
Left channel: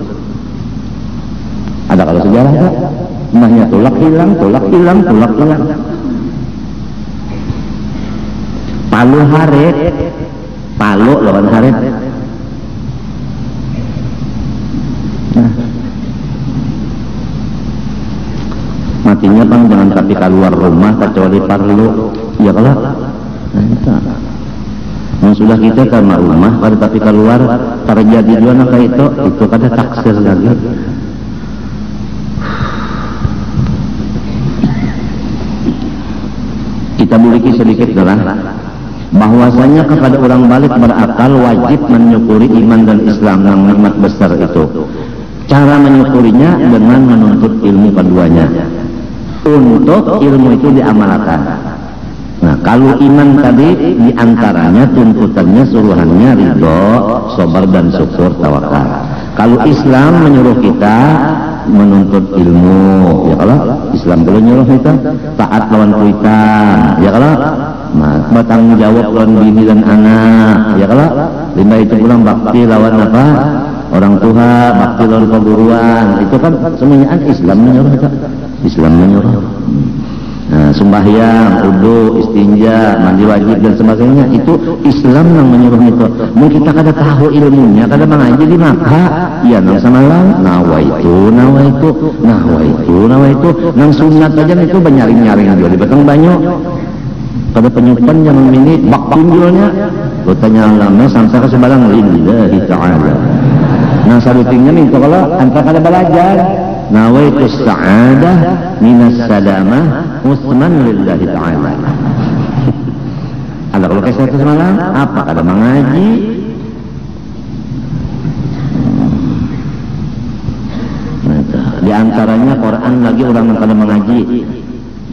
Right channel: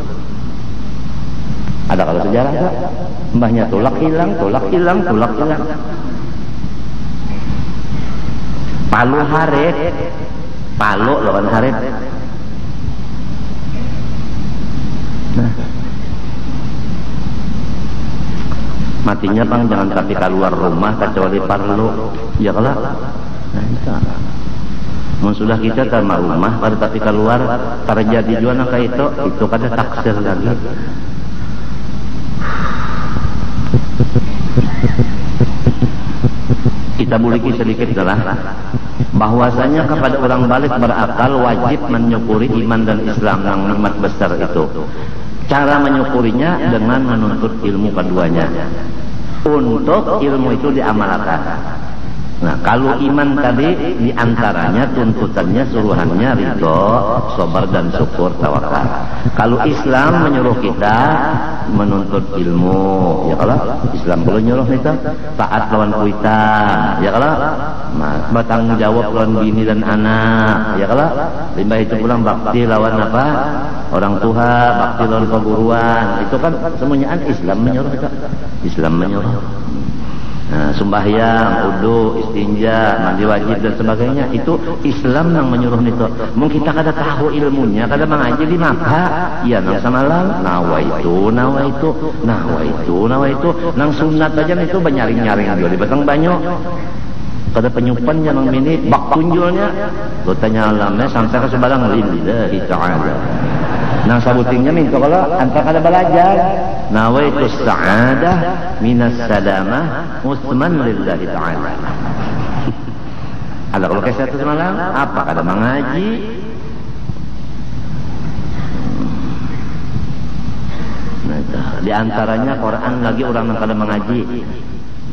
ada kalau sejarah tak namanya tulak hilang palu haret palu lawan haret matinya kan jangan tapi keluar rumah kecuali parlu ya kalau sudah kita sama rumah kalau tapi keluar terjadi dia maka itu kada taksir lagi. Kita miliki sedikit adalah bahwasanya kepada orang balik berakal wajib menyukuri iman dan Islam yang nikmat besar itu. Cara menyukurinya dengan menuntut ilmu keduanya. Untuk ilmu itu diamalkan. Nah, kalau iman tadi diantaranya tuntutannya suruhannya ridho, sabar dan syukur tawakal. Kalau Islam menyuruh kita menuntut ilmu, ya kalau Islam boleh menyuruh kita taat lawan kita, ya kalau bertanggung jawab lawan diri dan anak, ya kalau lima itu pulang bakti lawan apa? Orang tua, bakti lawan keguruan, itu kan semuanya Islam menyuruh kita. Islam menyuruh. Nah, sembahyang, wudu, istinja, mandi wajib dan sebagainya itu Islam yang menyuruh itu. Mau kita kada tahu ilmunya, kada mengaji di maka ya sama lang, nawaitu. Nang sunat aja itu banyaring-nyaring jadi batang banyak. Pada penyukan yang ini bak tunjulnya, bertanya alamnya sampai ke sebalang ini ya ta'ala. Nah sabutin ini kalau tanpa kada belajar. Nawaitu sa'adah minas salamah musman lillahi ta'ala. Ada kalau kesal semalam apa kada mengaji di antaranya Quran lagi orang yang pada mengaji.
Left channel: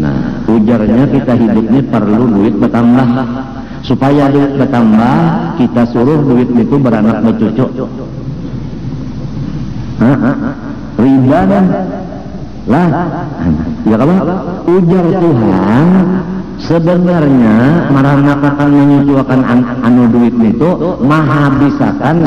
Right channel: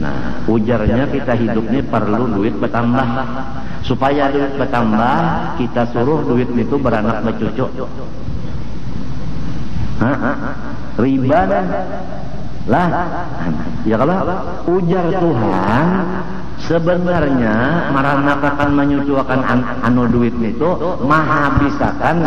Nah, ujarnya kita hidup ini perlu duit bertambah. Supaya duit bertambah, kita suruh duit itu beranak bercucu. Riba kan? Lah, ya kalau ujar Tuhan sebenarnya marahna akan menyuciwakan anu duit itu menghabiskan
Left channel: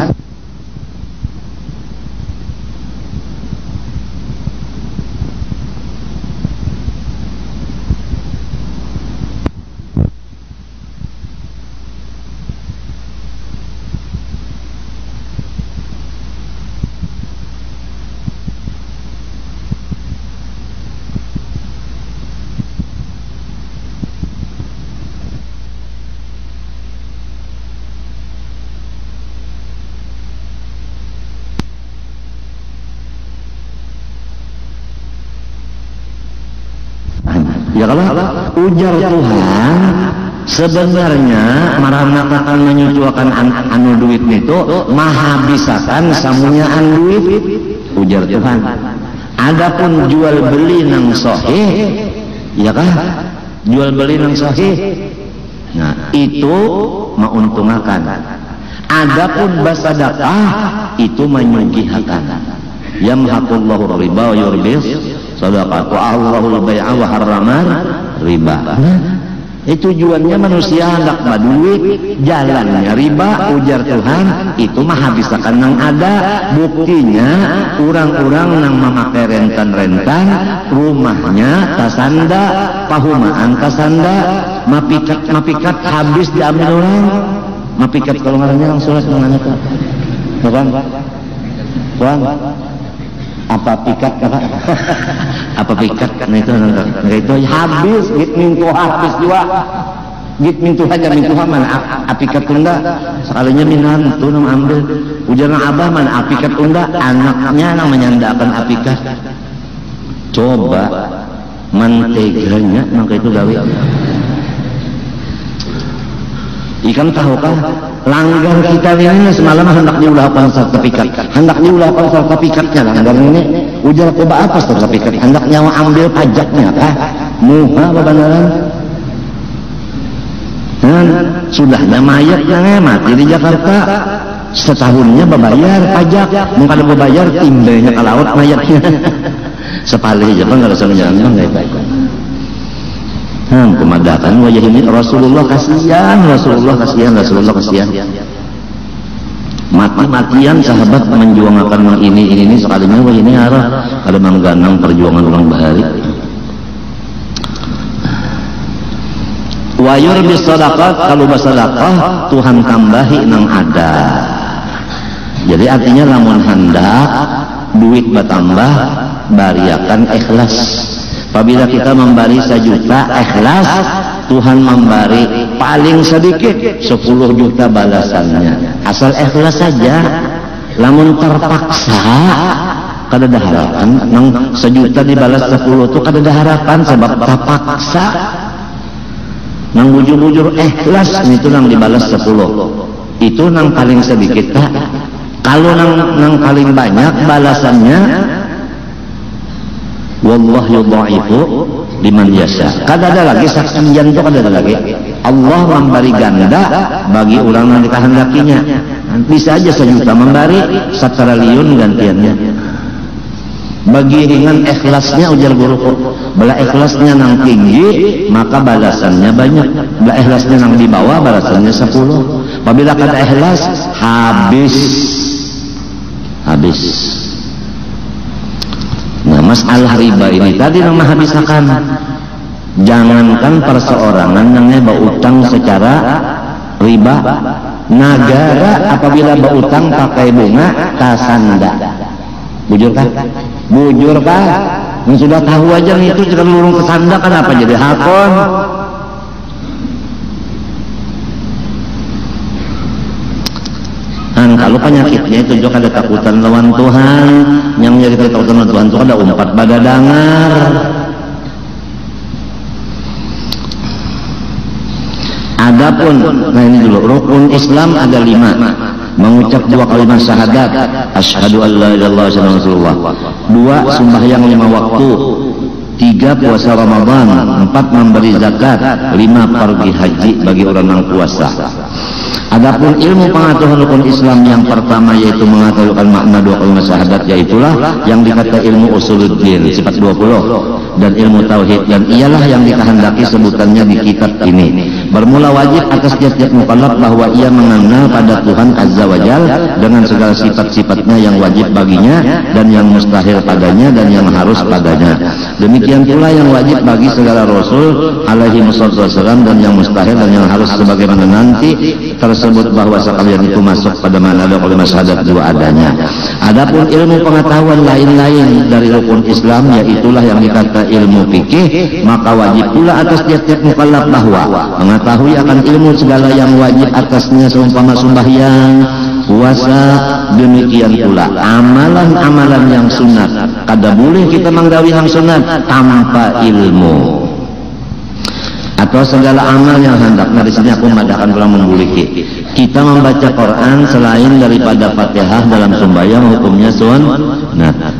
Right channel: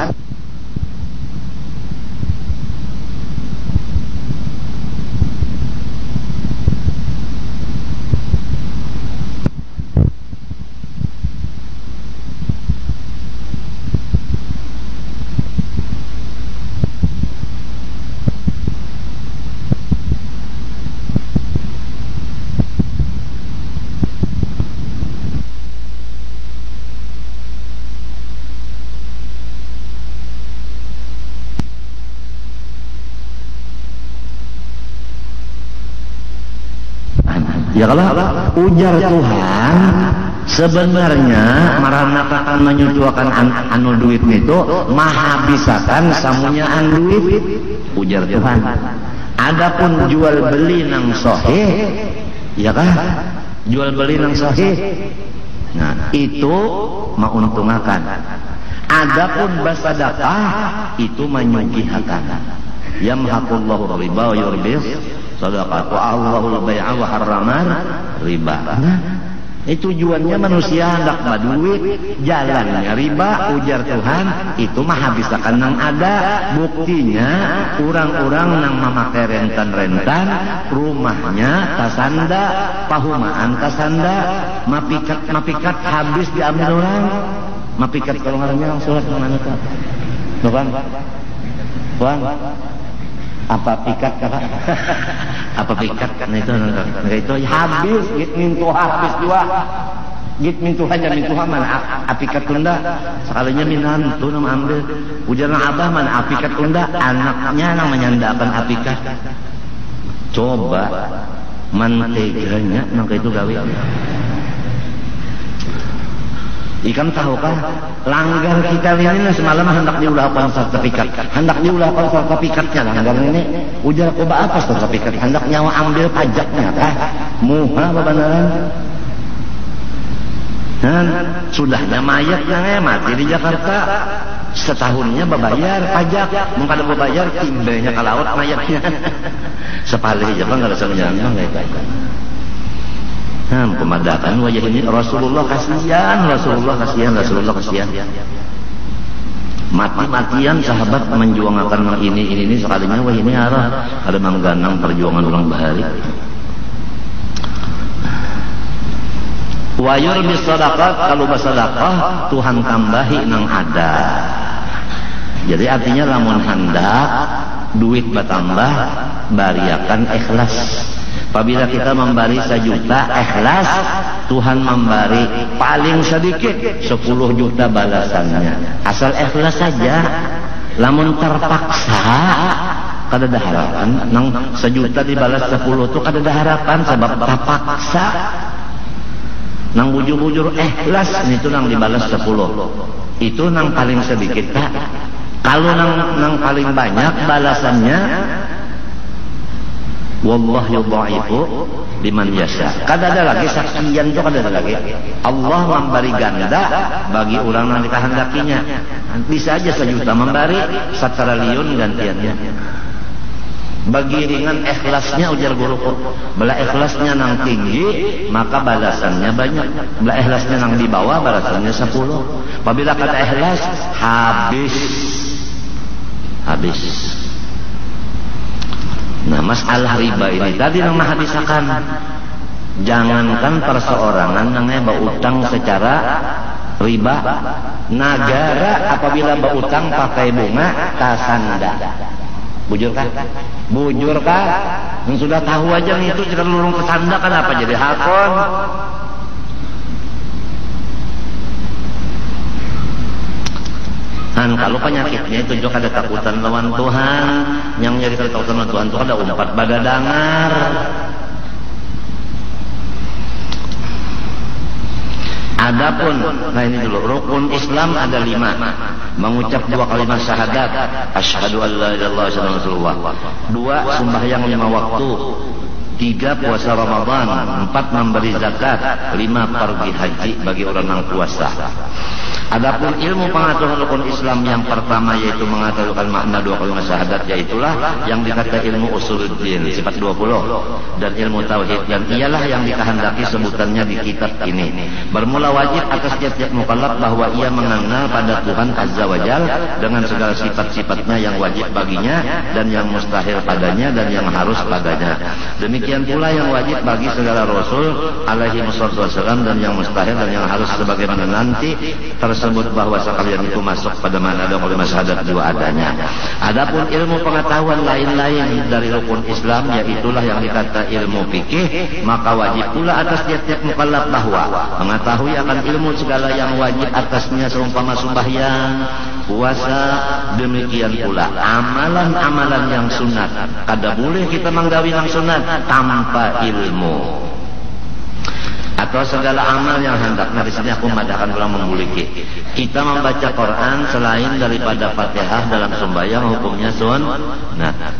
ya kalau ujar Tuhan sebenarnya marahna akan menyuciwakan anu duit itu menghabiskan samunya duit ujar Tuhan. Adapun jual beli nang sahih, ya kan? Jual beli nang sahih, nah itu menguntungkan. Adapun bersedekah itu menyucikan. Yamhaqullahu riba wa yurbis sadaqah wa Allahul bai'a wa harramar riba. Itu tujuannya manusia hendak duit, jalannya riba. Ujar Tuhan itu mah habiskan yang ada. Buktinya orang-orang yang memakai rentan-rentan rumahnya kasanda, pahumaan kasanda, mapikat habis diambil orang. Mapikat kalau ngarannya langsung menanyakan Bang, apa pikat apa pikat itu habis gitu habis juga gitu aja itu mana apikat tunda sekalinya minan itu nang ambil ujarna abah mana apikat tunda anaknya nang menyandakan apikat coba manteganya maka itu dari ikan tahu kan langgar kita ini semalam hendak diulahkan sertifikat hendak diulahkan sertifikatnya langgar ini ujar coba apa sertifikat hendak nyawa ambil pajaknya kah muha beneran sudahnya mayatnya mati di Jakarta setahunnya berbayar pajak mungkin ada berbayar timbelnya ke laut mayatnya sepali aja kan nggak usah menjalan kemadakan wajah ini Rasulullah kasihan mati-matian sahabat menjuangkan ini sekalinya wajah ini ada mengganang perjuangan orang bahari wayur bisadaqat kalau bersedekah Tuhan tambahi nang ada jadi artinya lamun hendak duit bertambah bariakan ikhlas. Apabila kita memberi 1 juta ikhlas, Tuhan memberi paling sedikit 10 juta balasannya. Asal ikhlas saja. Lamun terpaksa, kada ada harapan. Nang 1 juta dibalas 10 itu kada ada harapan sebab terpaksa. Nang bujur-bujur ikhlas itu nang dibalas 10. Itu nang paling sedikit tak. Kalau nang paling banyak balasannya wallahu yudha'ifu liman yasha. Kada ada lagi saksian itu kada ada lagi. Allah memberi ganda bagi orang yang dikehendakinya. Bisa aja 1 juta memberi 1 triliun gantiannya. Bagi ringan ikhlasnya ujar guruku. Bala ikhlasnya yang tinggi maka balasannya banyak. Bala ikhlasnya yang di bawah balasannya 10. Apabila kada ikhlas habis. Nah, masalah riba ini tadi yang menghabiskan. Jangankan perseorangan yang berutang secara riba. Negara apabila berutang pakai bunga kasanda. Bujur kan? Yang sudah tahu aja itu jika mengurung kesanda kenapa jadi hakon? Kalau penyakitnya itu juga ada takutan lawan Tuhan. Yang menjadi takutan lawan Tuhan itu ada umpat badadangar. Adapun ini dulu rukun Islam ada 5. Mengucap 2 kalimat syahadat, asyhadu an la ilaha illallah wa asyhadu anna Rasulullah. 2 sembahyang 5 waktu. 3 puasa Ramadan, 4 memberi zakat, 5 pergi haji bagi orang yang puasa. Adapun ilmu pengetahuan hukum Islam yang pertama yaitu mengetahui makna 2 kalimat syahadat, yaitulah yang dikata ilmu usuluddin sifat 20 dan ilmu tauhid, dan ialah yang dikehendaki sebutannya di kitab ini. Bermula wajib atas setiap mukallaf bahwa ia mengenal pada Tuhan Azza wa Jalla dengan segala sifat-sifatnya yang wajib baginya dan yang mustahil padanya dan yang harus padanya. Demikian pula yang wajib bagi segala rasul alaihi wasallam dan yang mustahil dan yang harus, sebagaimana nanti tersebut bahwa sekalian itu masuk pada mana ada kalimat syahadat 2 adanya. Adapun ilmu pengetahuan lain-lain dari hukum Islam, yaitulah yang dikata ilmu fikih, maka wajib pula atas tiap-tiap mukallaf bahwa mengetahui akan ilmu segala yang wajib atasnya seumpama sembahyang, puasa, demikian pula amalan-amalan yang sunat. Kada boleh kita menggawi yang sunat tanpa ilmu. Atau segala amal yang hendak, dari sini aku mengadakan pulang membuliki. Kita membaca Quran selain daripada Fatihah dalam sembahyang hukumnya sunnah.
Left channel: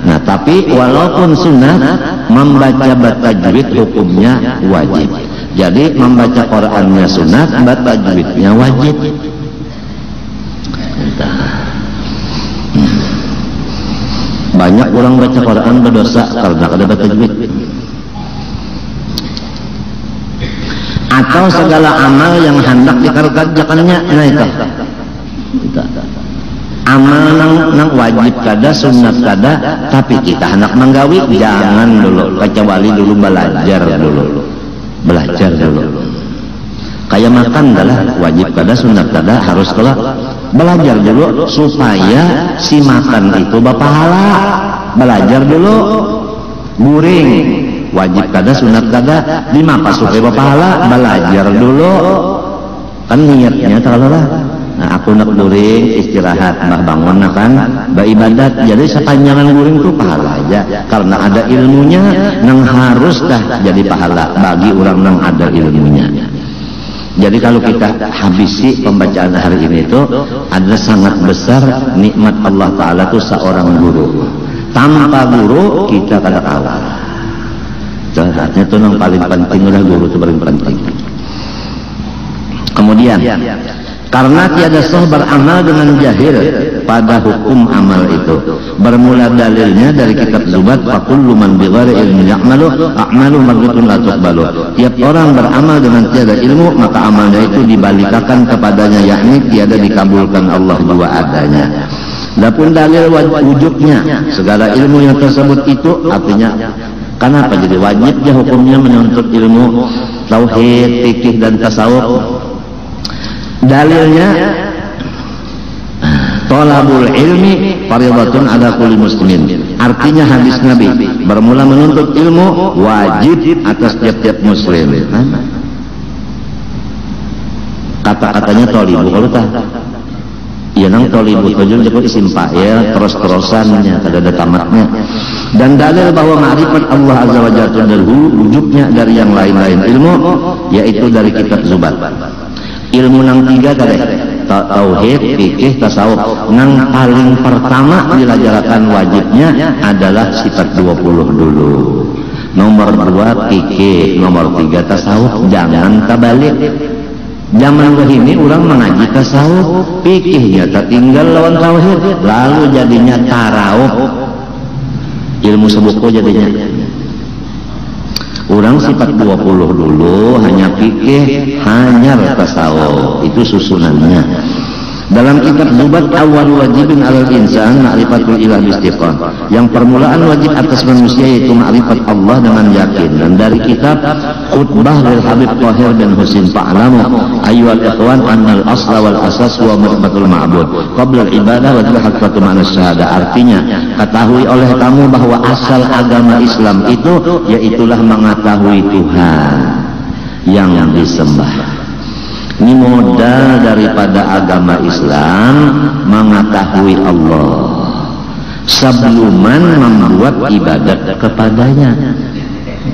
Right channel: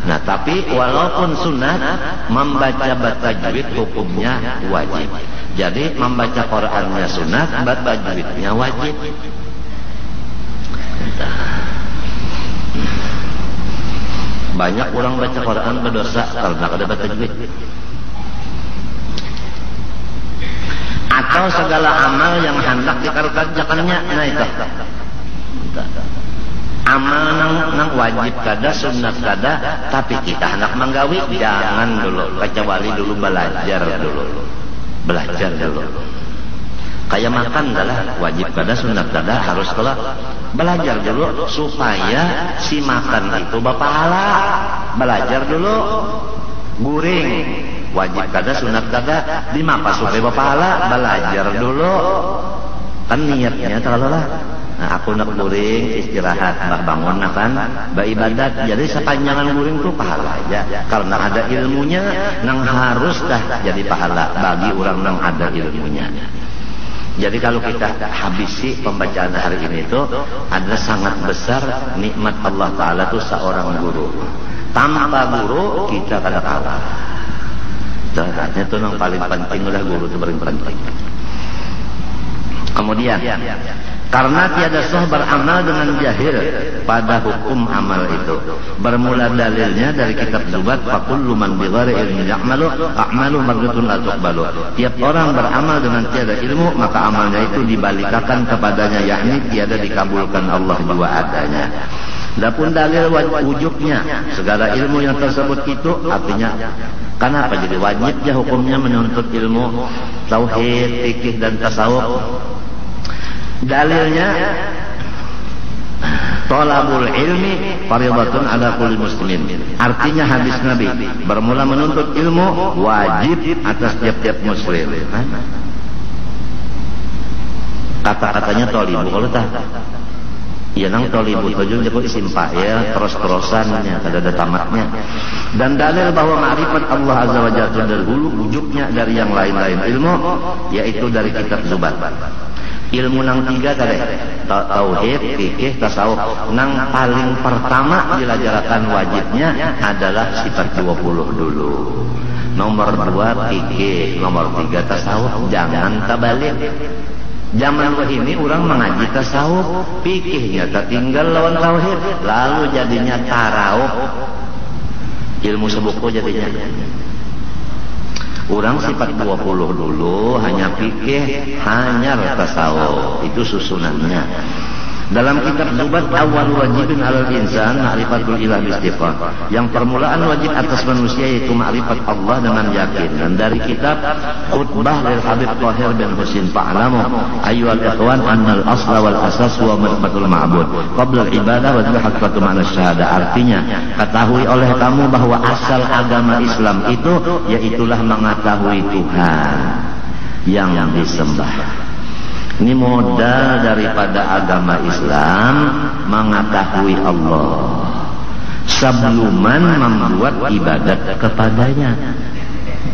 Nah, tapi walaupun sunnah, membaca tajwid hukumnya wajib. Jadi membaca Qurannya sunat, baca tajwidnya wajib. Banyak orang baca Quran berdosa karena ada baca tajwid. Atau segala amal yang hendak dikerjakannya, nah itu amal nang wajib kada, sunat kada, tapi kita hendak menggawi, jangan dulu, kecuali dulu belajar dulu. Kayak makan adalah wajib kada, sunat kada, harus kada, belajar dulu supaya si makan itu berpahala. Belajar dulu, guring wajib kada, sunat kada, lima pasukai berpahala, belajar dulu. Kan niatnya terlalu. Nah, aku nak guring istirahat, nak bangun kan beribadat. Jadi sepanjangan guring itu pahala aja, karena ada ilmunya yang harus dah jadi pahala bagi orang yang ada ilmunya. Jadi kalau kita habisi pembacaan hari ini itu adalah sangat besar nikmat Allah Ta'ala itu seorang guru. Tanpa guru kita kada kalah. Itu yang paling penting adalah guru itu paling penting. Kemudian karena tiada sah beramal dengan jahil pada hukum amal itu. Bermula dalilnya dari kitab Zubat, fakullu man bighairi ilmi ya'malu a'malu mardutun la tuqbalu. Tiap orang beramal dengan tiada ilmu, maka amalnya itu dibalikkan kepadanya, yakni tiada dikabulkan Allah dua adanya. Adapun dalil wujudnya segala ilmu yang tersebut itu artinya kenapa jadi wajibnya hukumnya menuntut ilmu tauhid, fikih dan tasawuf. Dalilnya thalabul ilmi fardhatun ala kulli muslimin. Artinya hadis Nabi bermula menuntut ilmu wajib atas tiap-tiap muslim. Kata-katanya thalibu kalau tak ya nang thalibu itu jadi isim fa'il terus-terusannya tidak ada tamatnya. Dan dalil bahwa ma'rifat Allah azza wa jalla dari wujudnya dari yang lain-lain ilmu, yaitu dari kitab Zubat. Ilmu yang tiga tadi tauhid, fikih, tasawuf. Yang paling pertama diajarkan wajibnya adalah sifat 20 dulu. Nomor 2 fikih, nomor 3 tasawuf. Jangan kabalik. Zaman ini orang mengaji tasawuf, fikihnya tertinggal lawan tauhid, lalu jadinya tarawuf. Ilmu sebuku jadinya. Orang sifat 20 dulu, hanya fikih, hanya tasawuf. Itu susunannya. Dalam kitab Zubat awal wajibin alal insan ma'rifatul ilah istiqan. Yang permulaan wajib atas manusia yaitu ma'rifat Allah dengan yakin. Dan dari kitab Khutbah wal Habib Tahir dan Husin Fa'lamu ayyuhal ikhwan annal asla wal asas wa ma'rifatul ma'bud qabla ibadah wa haqqatu ma'nas syahada. Artinya ketahui oleh kamu bahwa asal agama Islam itu yaitulah mengetahui Tuhan yang disembah. Ini modal daripada agama Islam, mengetahui Allah sebelum membuat ibadat kepadanya.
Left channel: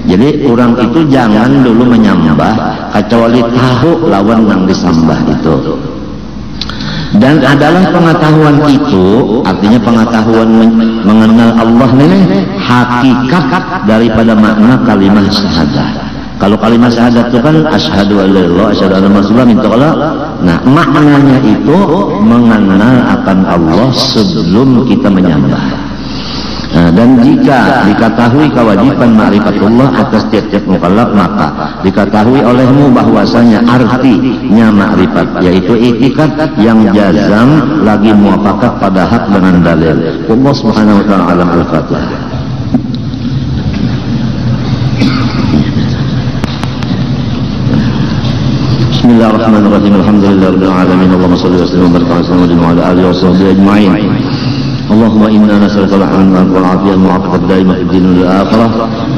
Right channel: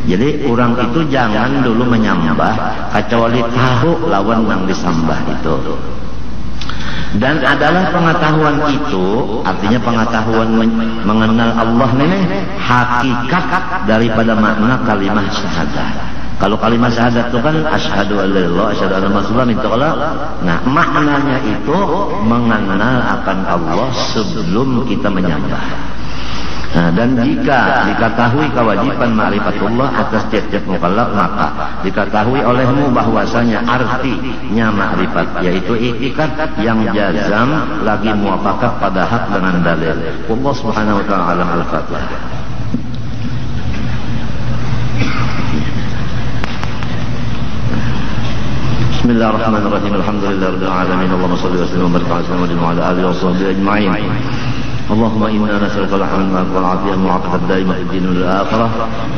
Jadi orang itu jangan dulu menyembah kecuali tahu lawan yang disembah itu. Dan adalah pengetahuan itu, artinya pengetahuan mengenal Allah ini hakikat daripada makna kalimat syahadat. Kalau kalimat syahadat itu kan asyhadu an la ilaha illallah, asyhadu anna muhammadan rasulullah. Nah, maknanya itu mengenal akan Allah sebelum kita menyembah. Nah, dan jika diketahui kewajiban ma'rifatullah atas tiap-tiap mukallaf, maka diketahui olehmu bahwasanya artinya ma'rifat yaitu itikad yang jazam lagi muwafaqah pada hak dengan dalil. Allah Subhanahu wa taala alam. Al-Fatihah. Bismillahirrahmanirrahim. Alhamdulillahirabbil alamin. Allahumma shalli wa sallim wa barik ala alihi wa sahbihi ajma'in. اللهم إنا نسألك الحمد والعافية المعافاة الدائمة في الدين والآخرة.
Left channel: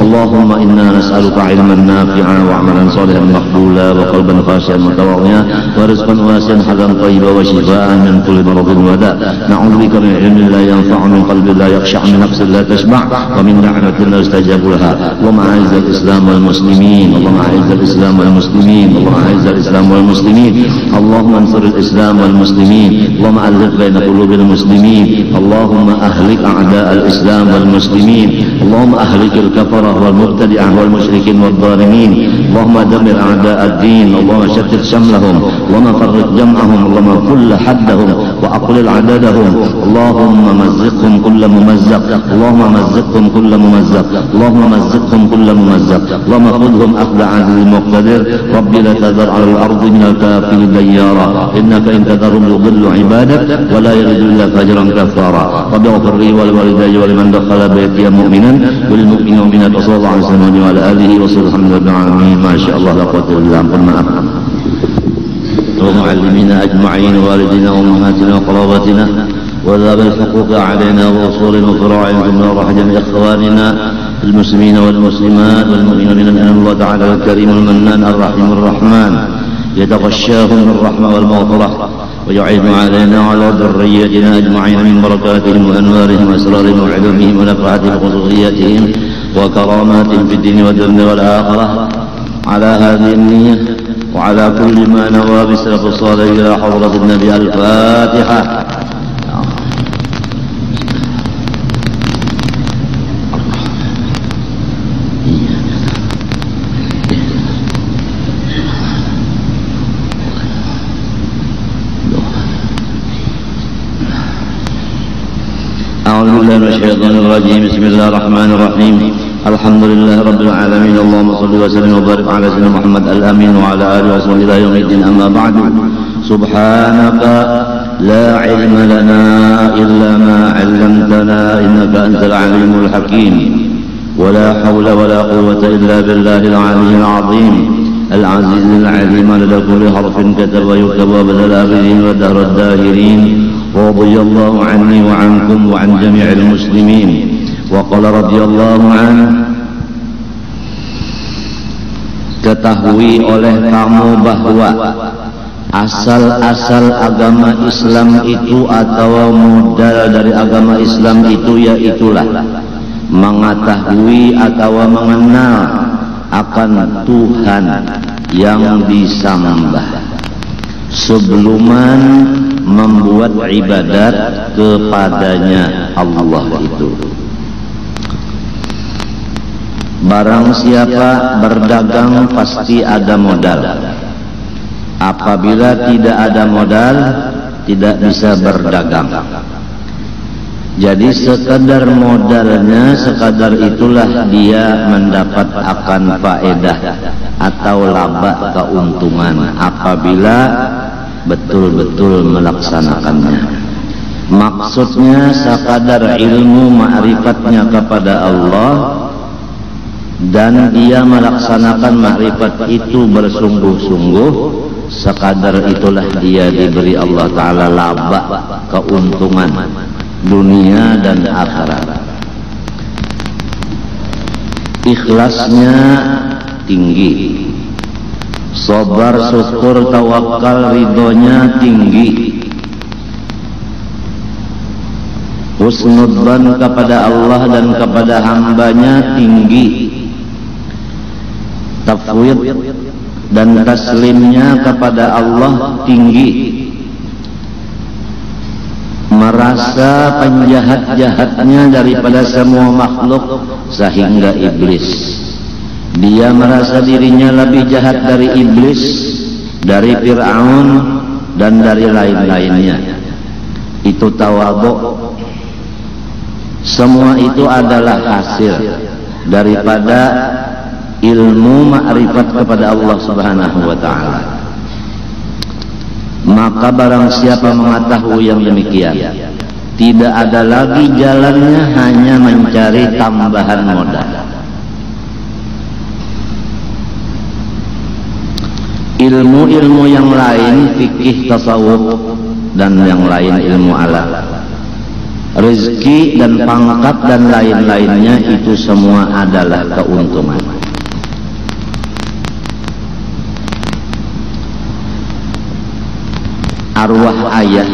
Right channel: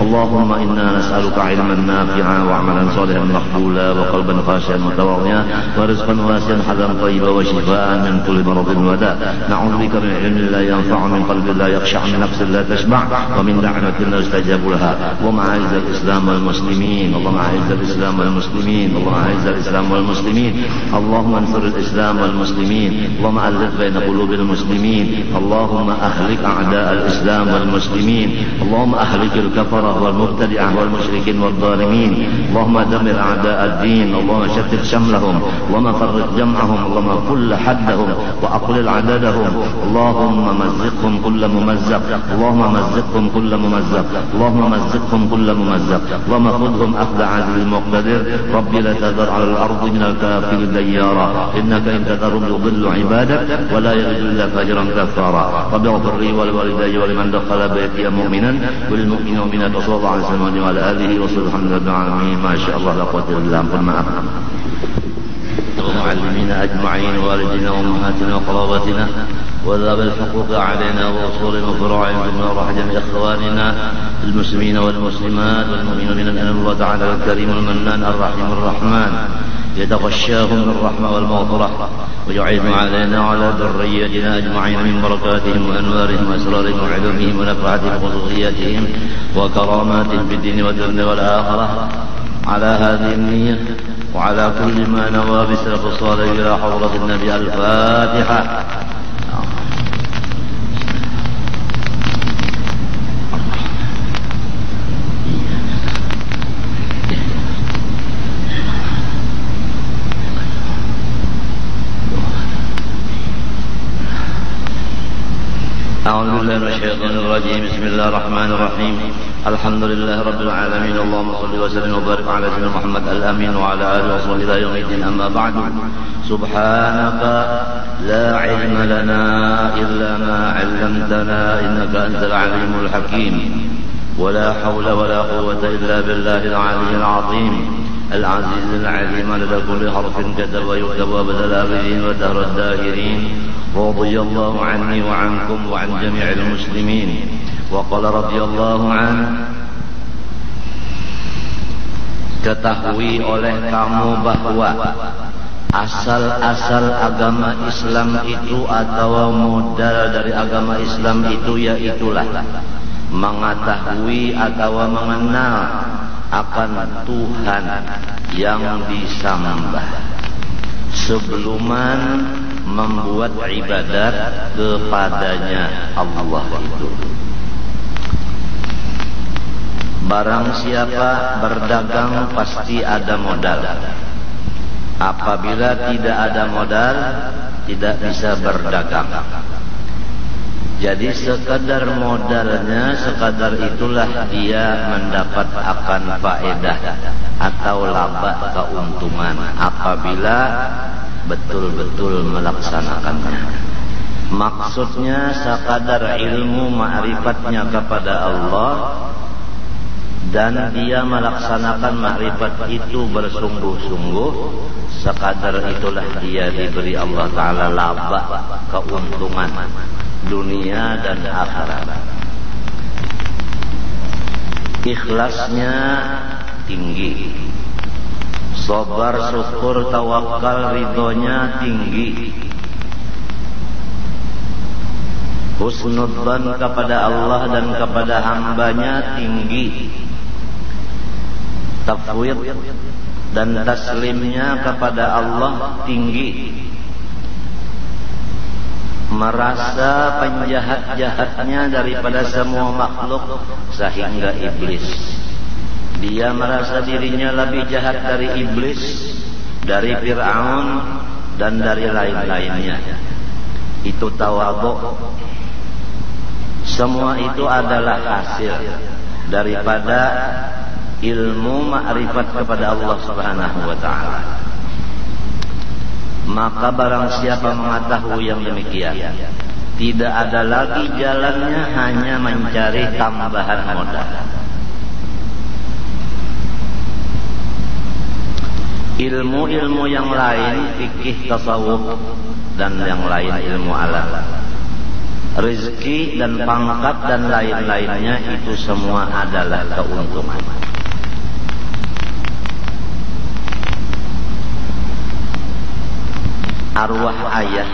اللهم إنا نسألك علما نافعا وعملا صالحا مقبولا وقلبا خاشعا متواضعا ورزقا واسعا حلالا طيبا وشفاء من كل مرض وداء. نعوذ بك من علم لا ينفع من قلب لا يخشع من نفس لا تشبع ومن دعوة لا يستجاب لها. اللهم أعز الإسلام والمسلمين. اللهم أعز الإسلام والمسلمين. اللهم أعز الإسلام والمسلمين. اللهم انصر الإسلام والمسلمين. اللهم ألف بين قلوب المسلمين. اللهم أهلك أعداء الإسلام والمسلمين. اللهم أهلك الكفرة والمبتدعة والمشركين والظالمين. اللهم دمر أعداء الدين. اللهم شتت شملهم. اللهم فرق جمعهم. اللهم كل حدهم وأقلل عددهم. اللهم مزقهم كل ممزق. اللهم مزقهم كل ممزق. اللهم مزقهم كل ممزق. اللهم خذهم أخذ عزيز مقتدر. رب لا تذر على الأرض من الكافرين ديارا إنك إن تذرهم يضل عبادك ولا يلد إلا فاجرا كفارا. رب اغفر لي ولوالدي ولمن دخل بيتي مؤمنا وللمؤمنين والمؤمنات وصلى الله عليه وسلم وعلى آله وصحبه وسلم. ما شاء الله لا قوة إلا بالله. ومعلمينا أجمعين والدينا وأمهاتنا وقرابتنا وذوي الحقوق علينا وأصول وفروع ثم رحمة إخواننا المسلمين والمسلمات والمؤمنين من أن الله تعالى الكريم المنان الرحيم الرحمن يتغشاهم بالرحمة والمغفرة ويعين علينا وعلى ذريتنا أجمعين من بركاتهم وأنوارهم وأسرارهم وعلومهم ونفعاتهم وذريتهم وكراماتهم في الدين والدنيا والآخرة. على هذه النية وعلى كل ما نوى بسلف الصالح إلى حضرة النبي. الفاتحة. بسم الله الرحمن الرحيم. الحمد لله رب العالمين. اللهم صل وسلم وبارك على سيدنا محمد الأمين وعلى آله وصحبه إلى يوم الدين. أما بعد. سبحانك لا علم لنا إلا ما علمتنا إنك أنت العليم الحكيم. ولا حول ولا قوة إلا بالله العلي العظيم العزيز العليم لدى كل حرف كتب ويكتب وبدل الآبدين ودهر الداهرين. ورضي الله عني وعنكم وعن جميع المسلمين. وقال رضي الله عنه. Ketahui oleh kamu bahwa asal-asal agama Islam itu atau modal dari agama Islam itu yaitulah mengetahui atau mengenal akan Tuhan yang disembah sebelum membuat ibadat kepadanya Allah itu. Barang siapa berdagang pasti ada modal. Apabila tidak ada modal, tidak bisa berdagang. Jadi sekadar modalnya, sekadar itulah dia mendapat akan faedah atau laba keuntungan apabila betul-betul melaksanakannya. Maksudnya sekadar ilmu ma'rifatnya kepada Allah dan dia melaksanakan ma'rifat itu bersungguh-sungguh, sekadar itulah dia diberi Allah Ta'ala laba keuntungan dunia dan akhirat. Ikhlasnya tinggi, sabar, syukur, tawakal, ridhonya tinggi, husnudzan kepada Allah dan kepada hambanya tinggi, tafwid dan taslimnya kepada Allah tinggi, merasa penjahat-jahatnya daripada semua makhluk sehingga iblis. Dia merasa dirinya lebih jahat dari iblis, dari Fir'aun dan dari lain-lainnya. Itu tawadhu. Semua itu adalah hasil daripada ilmu ma'rifat kepada Allah Subhanahu wa ta'ala. Maka barang siapa mengetahui yang demikian, tidak ada lagi jalannya hanya mencari tambahan modal. Ilmu-ilmu yang lain, fikih, tasawuf, dan yang lain ilmu alam, rezeki dan pangkat dan lain-lainnya, itu semua adalah keuntungan. Arwah ayah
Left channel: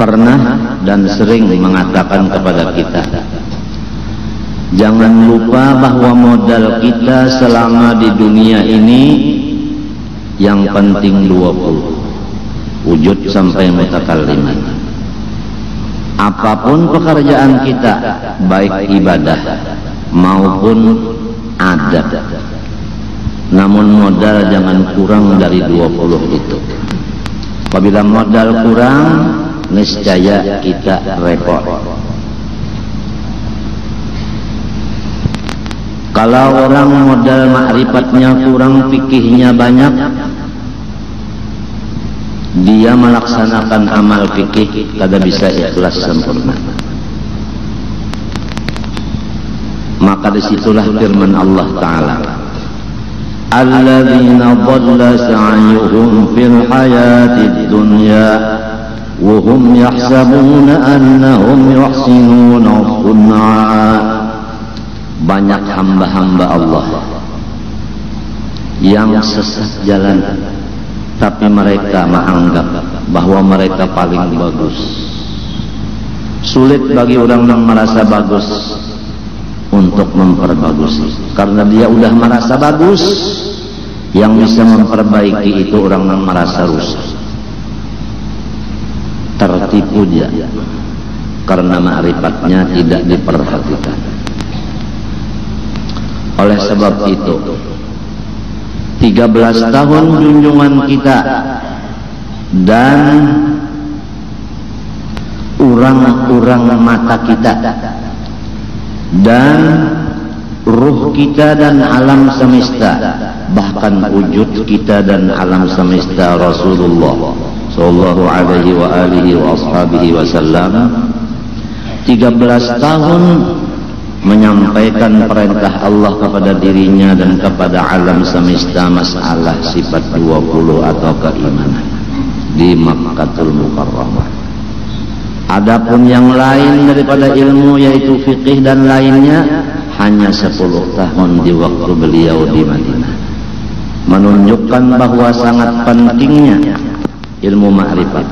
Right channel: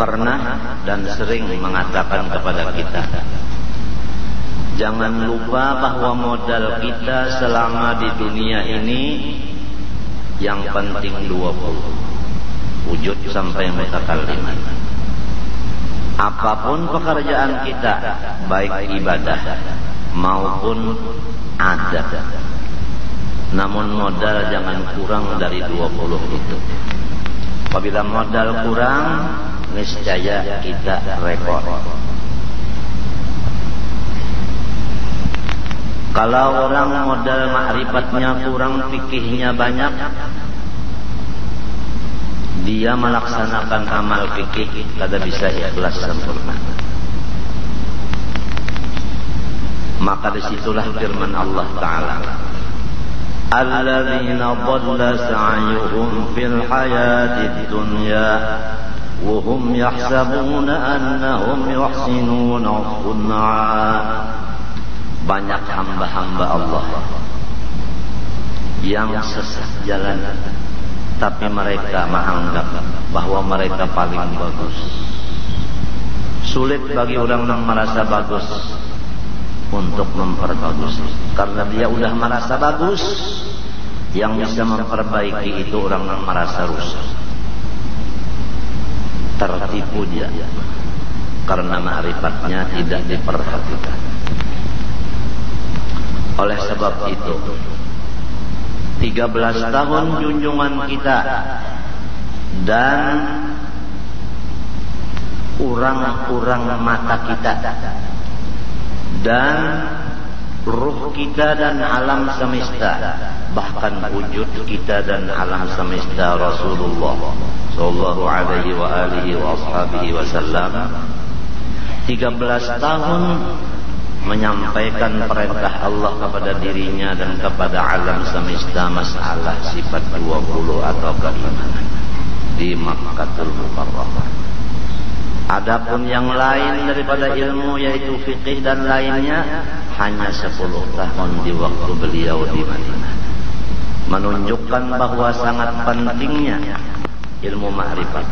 pernah dan sering mengatakan kepada kita, jangan lupa bahwa modal kita selama di dunia ini yang penting 20, wujud sampai mutakalliman. Apapun pekerjaan kita, baik ibadah maupun adat, namun modal jangan kurang dari 20 itu. Apabila modal kurang, niscaya kita repot. Kalau orang modal ma'rifatnya kurang, fikihnya banyak, dia melaksanakan amal fikih kada bisa ikhlas sempurna. Maka disitulah firman Allah Ta'ala, alladzina dhalla sa'yuhum fil hayatid dunya wa hum yahsabuna annahum yuhsinuna sun'a. Banyak hamba-hamba Allah yang sesat jalan, tapi mereka menganggap bahwa mereka paling bagus. Sulit bagi orang yang merasa bagus untuk memperbagus, karena dia udah merasa bagus. Yang bisa memperbaiki itu orang yang merasa rusak. Tertipu dia karena ma'rifatnya tidak diperhatikan. Oleh sebab itu, 13 tahun junjungan kita dan urang-urang mata kita dan ruh kita dan alam semesta, bahkan wujud kita dan alam semesta Rasulullah sallallahu alaihi wa alihi wa ashabihi wasallam, 13 tahun menyampaikan perintah Allah kepada dirinya dan kepada alam semesta masalah sifat 20 atau keimanan di Makkatul Mukarramah. Adapun yang lain daripada ilmu, yaitu fikih dan lainnya, hanya 10 tahun di waktu beliau di Madinah, menunjukkan bahwa sangat pentingnya ilmu ma'rifat.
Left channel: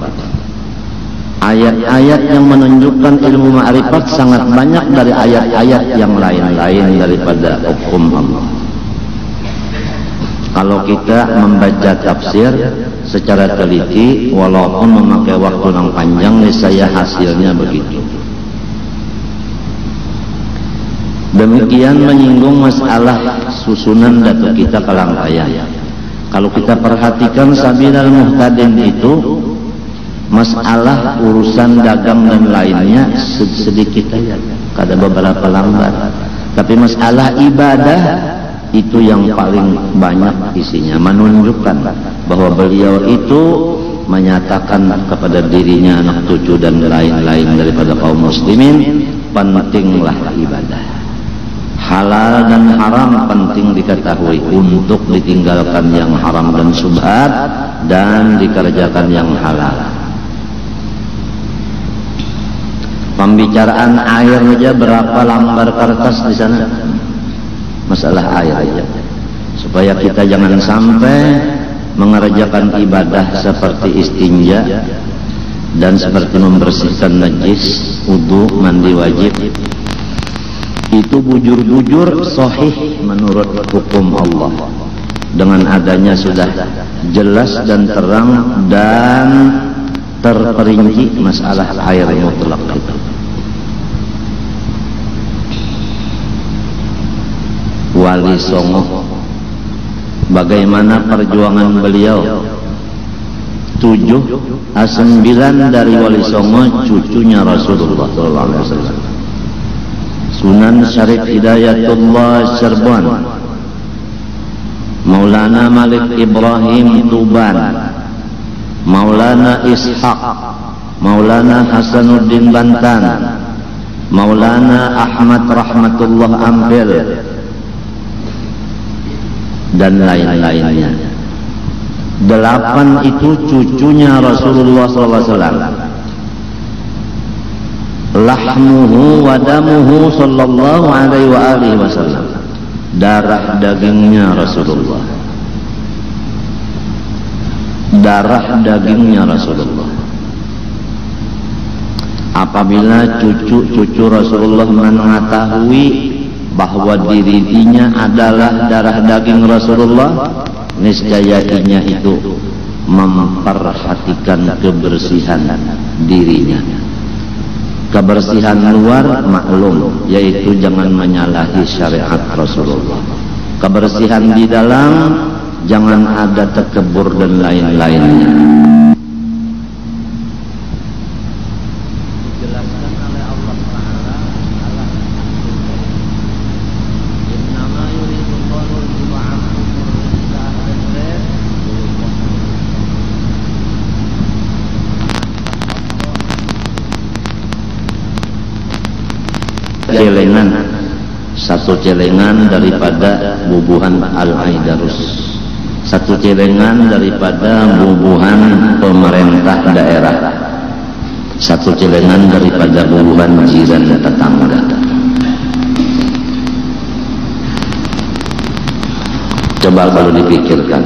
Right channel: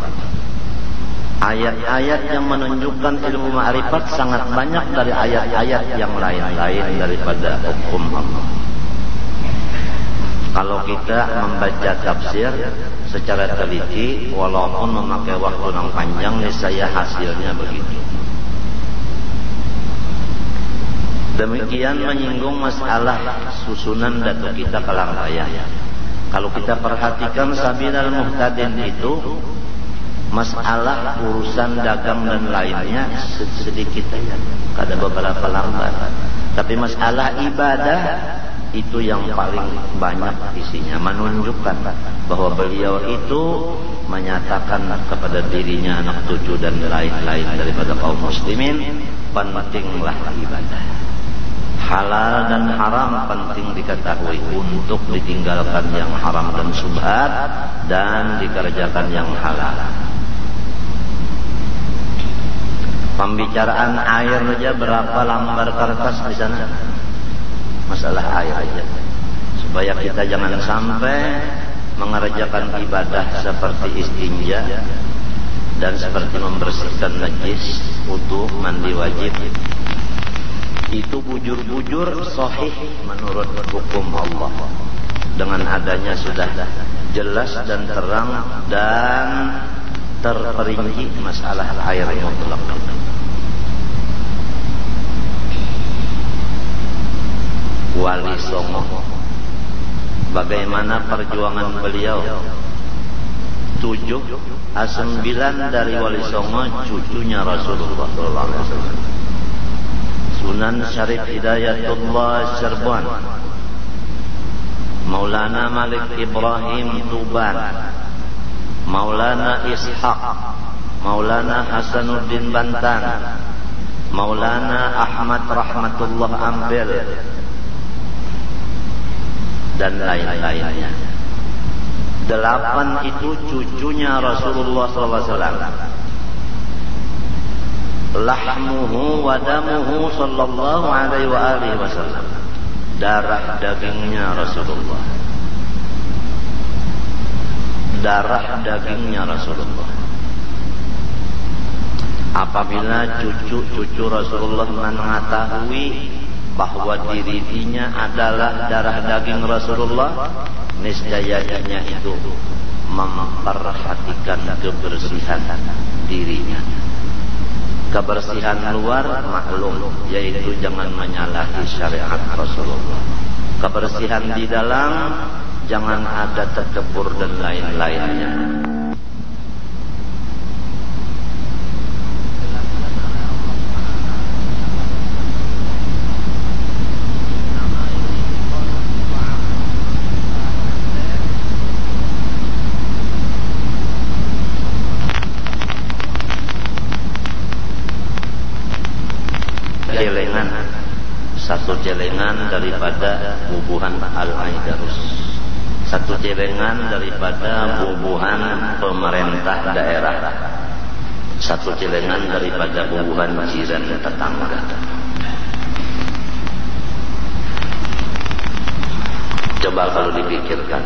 Ayat-ayat yang menunjukkan ilmu ma'rifat sangat banyak dari ayat-ayat yang lain-lain daripada hukum Allah. Kalau kita membaca tafsir secara teliti, walaupun memakai waktu yang panjang, saya hasilnya begitu. Demikian menyinggung masalah susunan data kita ke rangkaian. Kalau kita perhatikan Sabilal Muhtadin itu, masalah urusan dagang dan lainnya sedikit saja, kada beberapa lambar. Tapi masalah ibadah itu yang paling banyak isinya, menunjukkan bahwa beliau itu menyatakan kepada dirinya, anak cucu dan lain-lain daripada kaum muslimin, pentinglah ibadah. Halal dan haram penting diketahui untuk ditinggalkan yang haram dan syubhat dan dikerjakan yang halal. Pembicaraan air saja berapa lembar kertas di sana, masalah air aja. Supaya kita jangan sampai mengerjakan ibadah seperti istinja dan seperti membersihkan najis, wudu, mandi wajib, itu bujur-bujur sahih menurut hukum Allah. Dengan adanya sudah jelas dan terang dan terperinci masalah air mutlak itu. Wali Songo, bagaimana perjuangan beliau? 7-9 dari Wali Songo cucunya Rasulullah SAW. Sunan Syarif Hidayatullah Cirebon, Maulana Malik Ibrahim Tuban, Maulana Ishaq, Maulana Hasanuddin Bantan, Maulana Ahmad Rahmatullah Ampel, dan lain-lainnya. 8 itu cucunya Rasulullah SAW. Lahmuhu wa damuhu sallallahu alaihi wa alihi wasallam, darah dagingnya Rasulullah, darah dagingnya Rasulullah. Apabila cucu-cucu Rasulullah mengetahui bahwa dirinya adalah darah daging Rasulullah, niscayanya itu memperhatikan kebersihan dirinya. Kebersihan luar maklum, yaitu jangan menyalahi syariat Rasulullah. Kebersihan di dalam, jangan ada takabur dan lain-lainnya. Celengan, satu celengan daripada bubuhan Al-Aidarus, satu celengan daripada bubuhan pemerintah daerah, satu celengan daripada bubuhan jiran tetangga. Coba kalau dipikirkan,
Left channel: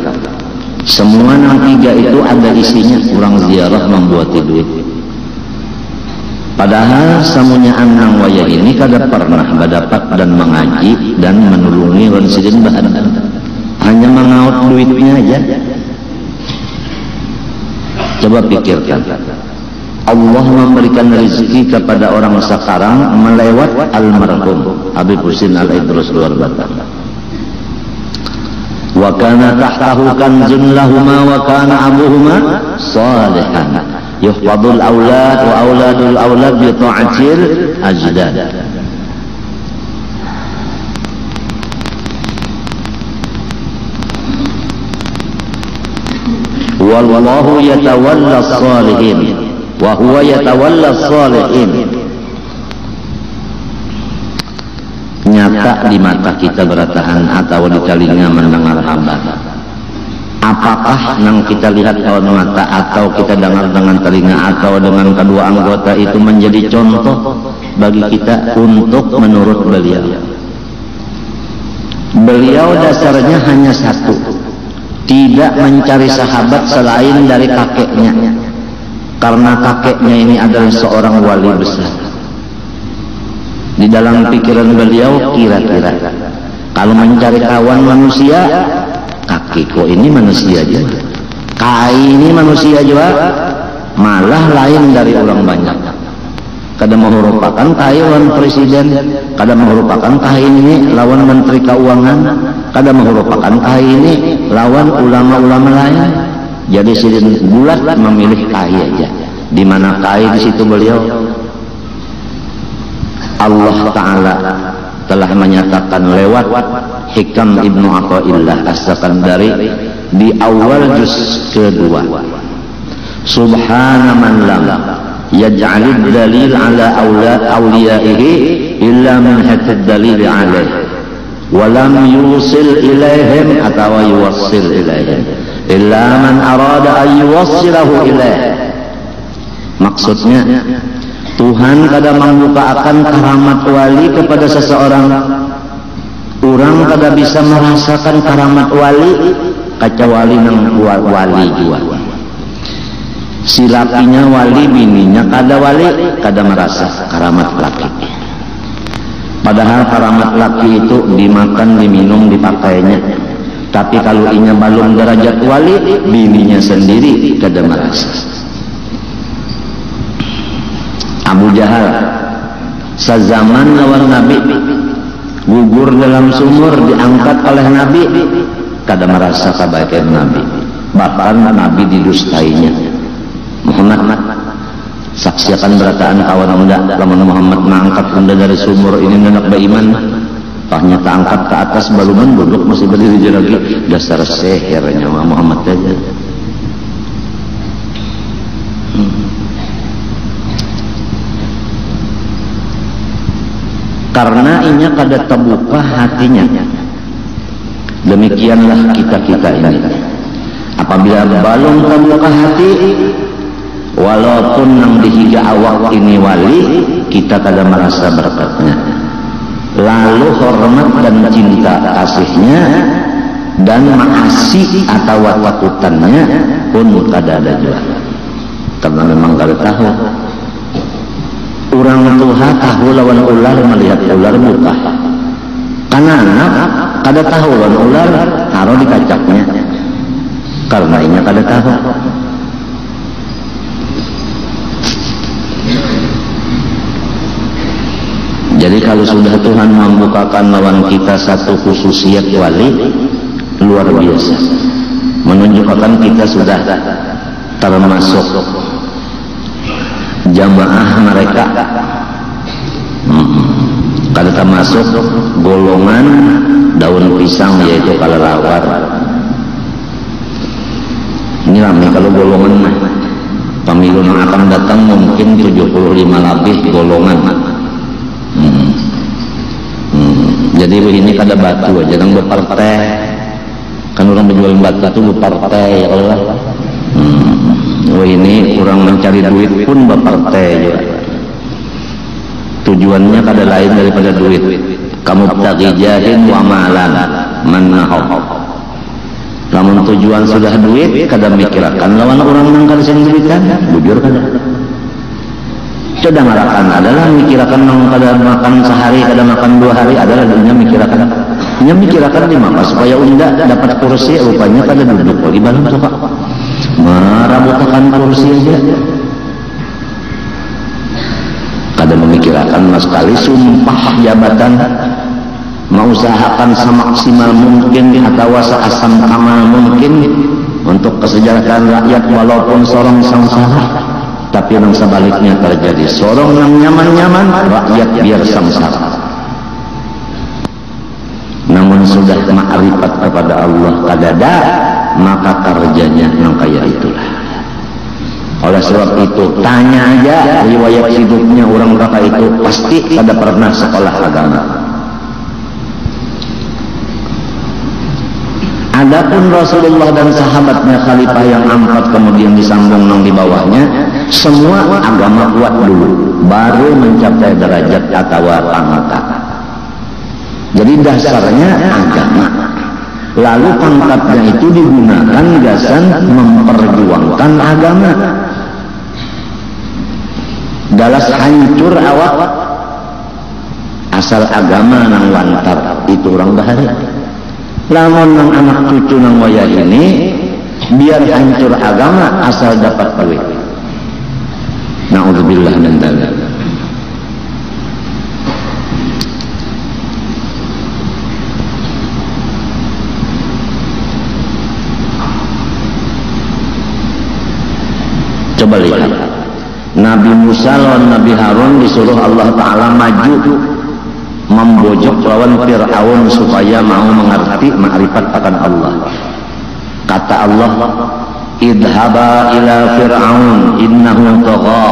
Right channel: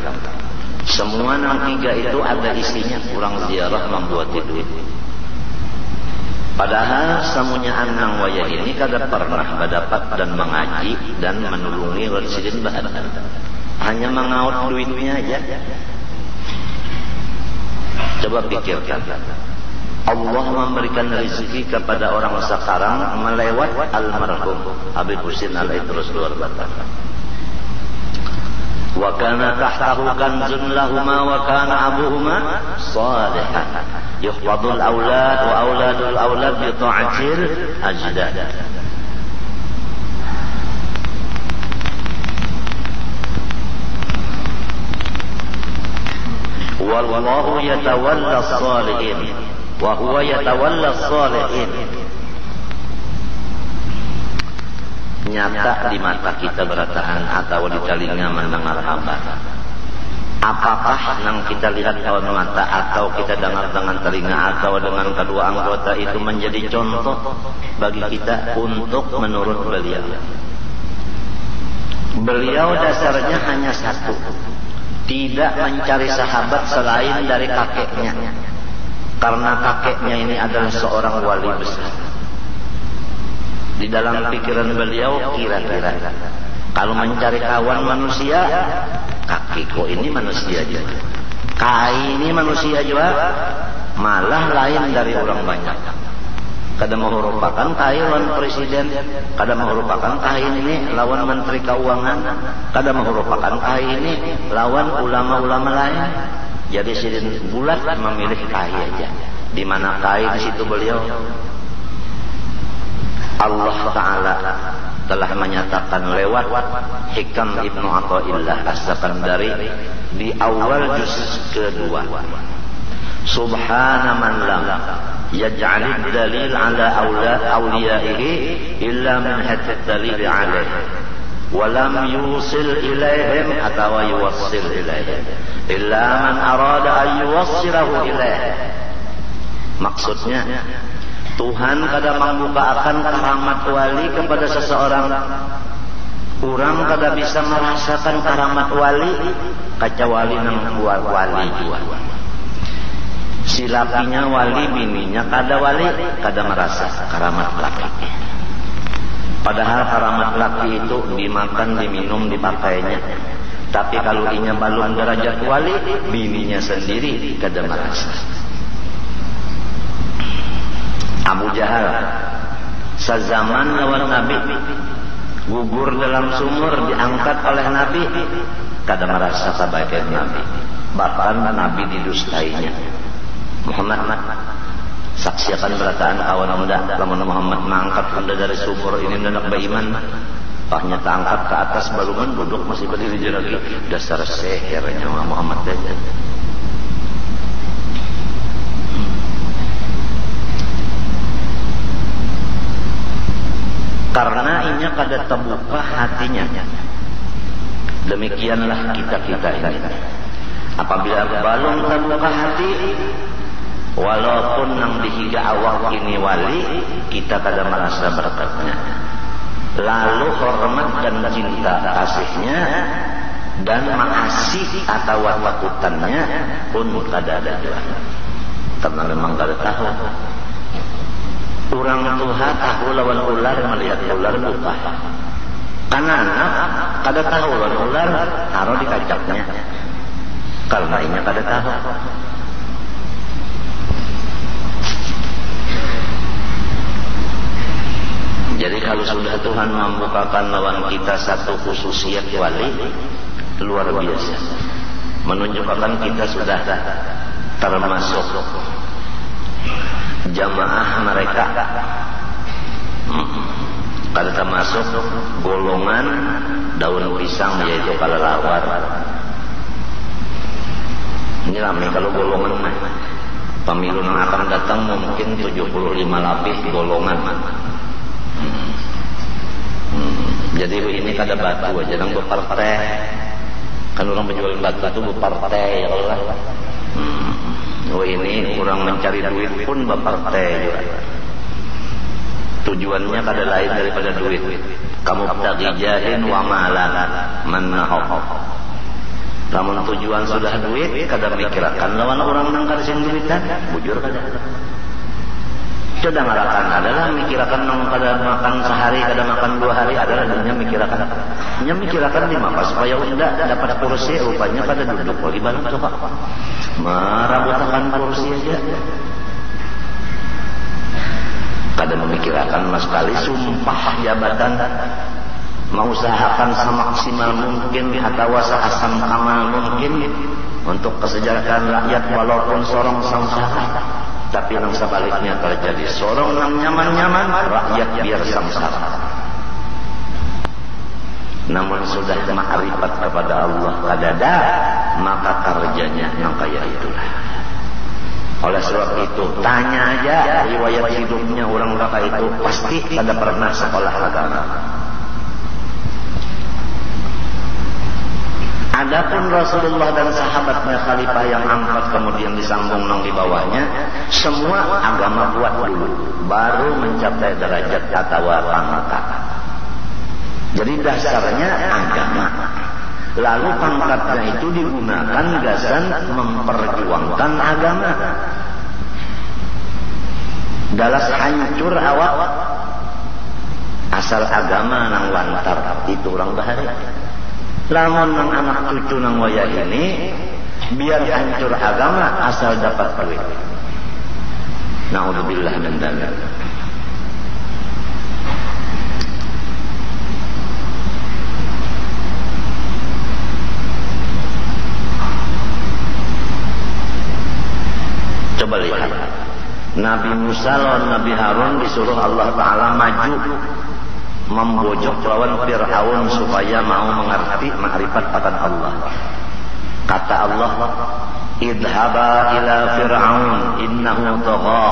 semua yang 3 itu ada isinya, kurang ziarah membuat duit. Padahal semuanya anang waya ini kada pernah mendapat dan mengaji dan menulungi wansidin bahan, hanya mengaut duitnya aja. Coba pikirkan, Allah memberikan rezeki kepada orang sekarang melewat almarhum Habib Husin Al-Idrus luar batang. Wa kana tahtahu kanzun lahuma wa kana abuhuma salihan yuhfadul awlad wa awladul awlad bi ta'atil ajdad. Wallahu yatawalla as-salihin wa huwa yatawalla as-salihin. Nyata di mata kita bertahan atau di kalinya mendengar hamba. Apakah yang kita lihat dengan mata atau kita dengar dengan telinga atau dengan kedua anggota itu menjadi contoh bagi kita untuk menurut beliau? Beliau dasarnya hanya satu, tidak mencari sahabat selain dari kakeknya, karena kakeknya ini adalah seorang wali besar. Di dalam pikiran beliau kira-kira kalau mencari kawan manusia, kakekku ini manusia juga, kai ini manusia juga, malah lain dari orang banyak. Kada merupakan kai lawan presiden, kada merupakan kai ini lawan menteri keuangan, kada merupakan kai ini lawan ulama-ulama lain. Jadi sidin bulat memilih kai aja. Di mana kai di situ beliau. Allah Ta'ala telah menyatakan lewat Hikam Ibnu Athaillah As-Sakandari di awal juz kedua, Subhana man lam yaj'alid dalil ala awliyaihi illa man hatad dalil alaihi wa lam yusil ilaihim atau yuwassil ilaihim illa man arada an yuwassilahu ilaihi. Maksudnya Tuhan kadang membukakan keramat wali kepada seseorang. Orang kadang bisa merasakan keramat wali kecuali wali juga. Si lakinya wali, bininya kada wali, kada merasa keramat laki. Padahal keramat laki itu dimakan, diminum, dipakainya. Tapi kalau inya belum derajat wali, bininya sendiri kada merasa. Abu Jahal sezaman lawan Nabi, gugur dalam sumur, diangkat oleh Nabi, kada merasa kebaikan Nabi, bahkan Nabi didustainya. Muhammad saksiakan berataan kawan enggak, lamun Muhammad mengangkat benda dari sumur ini menak beriman, pahnya keangkat ke atas baluman duduk masih berdiri lagi, dasar seher nyawa Muhammad aja. Karena inya kada terbuka hatinya. Demikianlah kita ini. Apabila balon terbuka hati, walaupun yang dihija awak ini wali, kita kada merasa berkatnya. Lalu hormat dan cinta kasihnya dan maasi atau takutannya pun kada ada juga. Karena memang kada tahu. Orang tua tahu lawan ular, melihat ular buta. Karena anak kada tahu lawan ular, taruh di kacaknya. Karena ini kada tahu. Jadi kalau sudah Tuhan membukakan lawan kita satu khususiat wali, luar biasa, menunjukkan kita sudah termasuk jamaah mereka, kada termasuk golongan daun pisang, yaitu kelelawar. Ini ramai kalau golongan pemilu yang akan datang mungkin 75 lebih golongan. Jadi ini kada batu aja, jangan berpartai. Kan orang berjual batu itu berpartai ya Allah. Ini kurang mencari duit pun berpartai aja. Tujuannya kada lain daripada duit. Kamu tagijahin wa malan manahok. Namun tujuan sudah duit, kada mikirkan lawan orang yang kada sendirikan, bujur kada. Sudah ngarakan adalah mikirkan yang kada makan sehari, kada makan 2 hari, adalah dunia mikirkan. Dia mikirkan di mana supaya unda dapat kursi, rupanya kada duduk di dalam coba. Marabutakan kursi aja. Kada memikirkan mas sekali sumpah jabatan, mengusahakan semaksimal mungkin atau seasam amal mungkin untuk kesejahteraan rakyat walaupun sorong sangsara. Tapi yang sebaliknya terjadi, sorong yang nyaman-nyaman, rakyat biar samsara. Namun sudah ma'rifat kepada Allah kadada, maka kerjanya yang kaya itulah. Oleh sebab itu, tanya aja riwayat hidupnya orang berapa itu, pasti kada pernah sekolah agama. Adapun Rasulullah dan sahabatnya, khalifah yang 4 kemudian disambung nang di bawahnya, semua agama kuat dulu, baru mencapai derajat atau pangkat. Jadi dasarnya agama. Lalu pangkatnya itu digunakan jasa memperjuangkan agama. Dalas hancur awak, asal agama nang lantar itu orang bahaya. Lamun nang anak cucu nang waya ini biar hancur agama asal dapat duit. Na'udzubillah min dzalik. Coba lihat Nabi Musa lawan Nabi Harun disuruh Allah Ta'ala maju membojok lawan Fir'aun supaya mau mengerti ma'rifat akan Allah. Kata Allah, idhaba ila Fir'aun innahu tagha.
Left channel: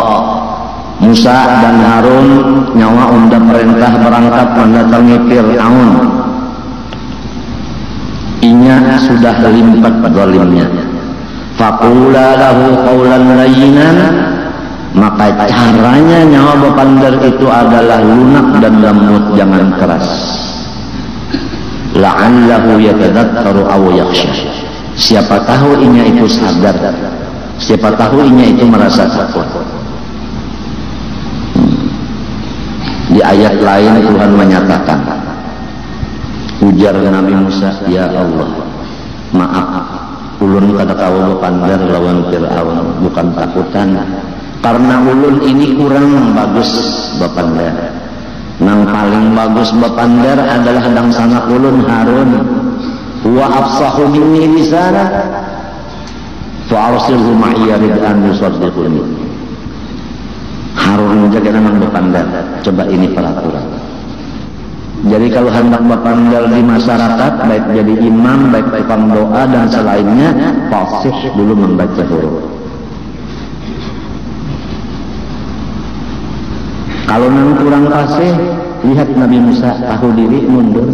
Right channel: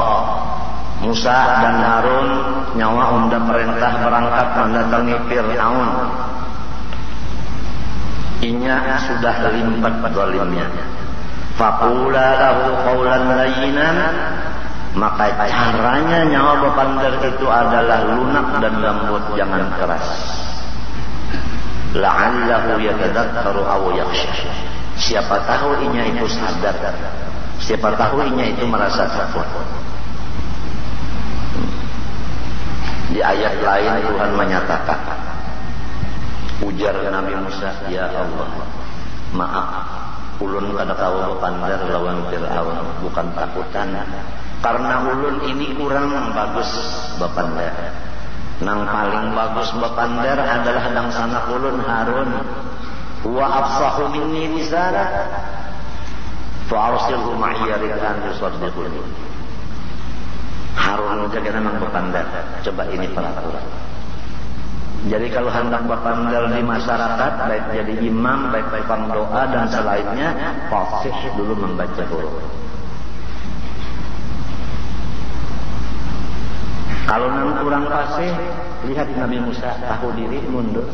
Musa dan Harun nyawa unda perintah berangkat mendatangi Fir'aun. Inya sudah limpat zalimnya. Faqula lahu qawlan layyinan. Maka caranya nyawa bapandar itu adalah lunak dan lembut, jangan keras. La'allahu yatadakkaru aw yakhsha. Siapa tahu inya itu sadar, siapa tahu inya itu merasa takut. Di ayat lain Tuhan menyatakan, ujar Nabi Musa, ya Allah, maaf, ulun kada kaula pandar lawan Fir'aun, bukan takutan, karena ulun ini kurang bagus bapandar. Nang paling bagus bapandar adalah dang sana ulun Harun. Wa afsahu minni lisana fa arsilhu ma'iya rid'an yusaddiquni. Harun menjaga nang bapandar. Coba ini peraturan. Jadi kalau hendak bapandar di masyarakat, baik jadi imam, baik tukang doa dan selainnya, fasih dulu membaca huruf. Kalau yang kurang fasih, lihat Nabi Musa tahu diri mundur.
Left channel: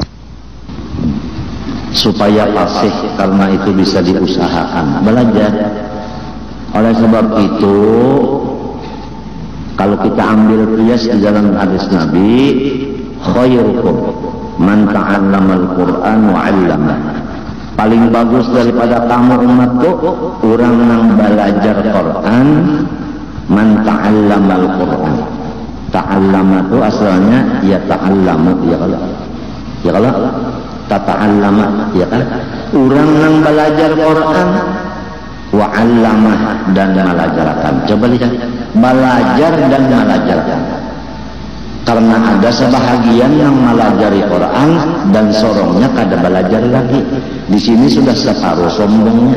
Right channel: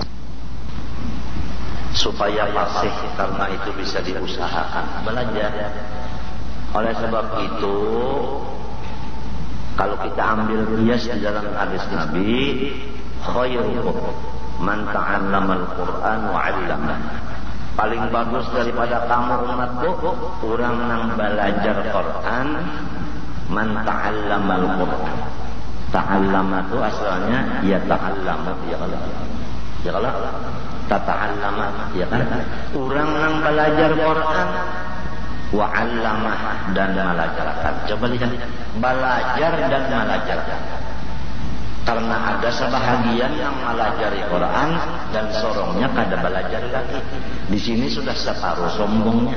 Supaya fasih, karena itu bisa diusahakan. Belajar. Oleh sebab itu, kalau kita ambil qiyas di dalam hadis Nabi, khairukum man ta'allamal Qur'an wa 'allama. Paling bagus daripada kamu umatku, orang yang belajar Quran, man ta'allamal Qur'an. Ta'allama itu asalnya ya ta'allama, ya kalau tata'allama, ya kan? Orang yang belajar Quran wa 'allama dan mengajarkan. Coba lihat, belajar dan mengajarkan. Karena ada sebahagian yang melajari Quran dan sorongnya kada belajar lagi. Di sini sudah separuh sombongnya.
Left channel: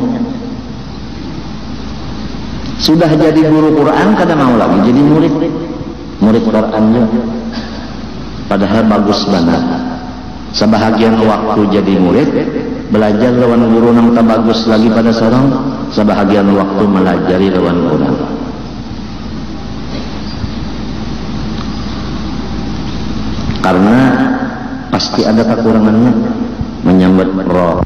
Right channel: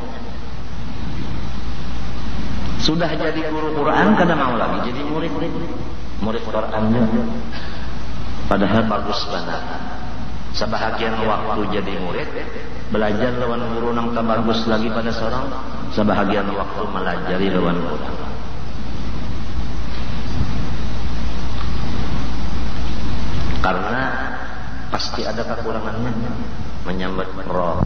Sudah jadi guru Quran kada mau lagi jadi murid Qurannya. Padahal bagus banget. Sebahagian waktu jadi murid, belajar lawan guru nang tak bagus lagi pada sorong. Sebahagian waktu melajari lawan orang. Karena pasti ada kekurangannya menyambut roh.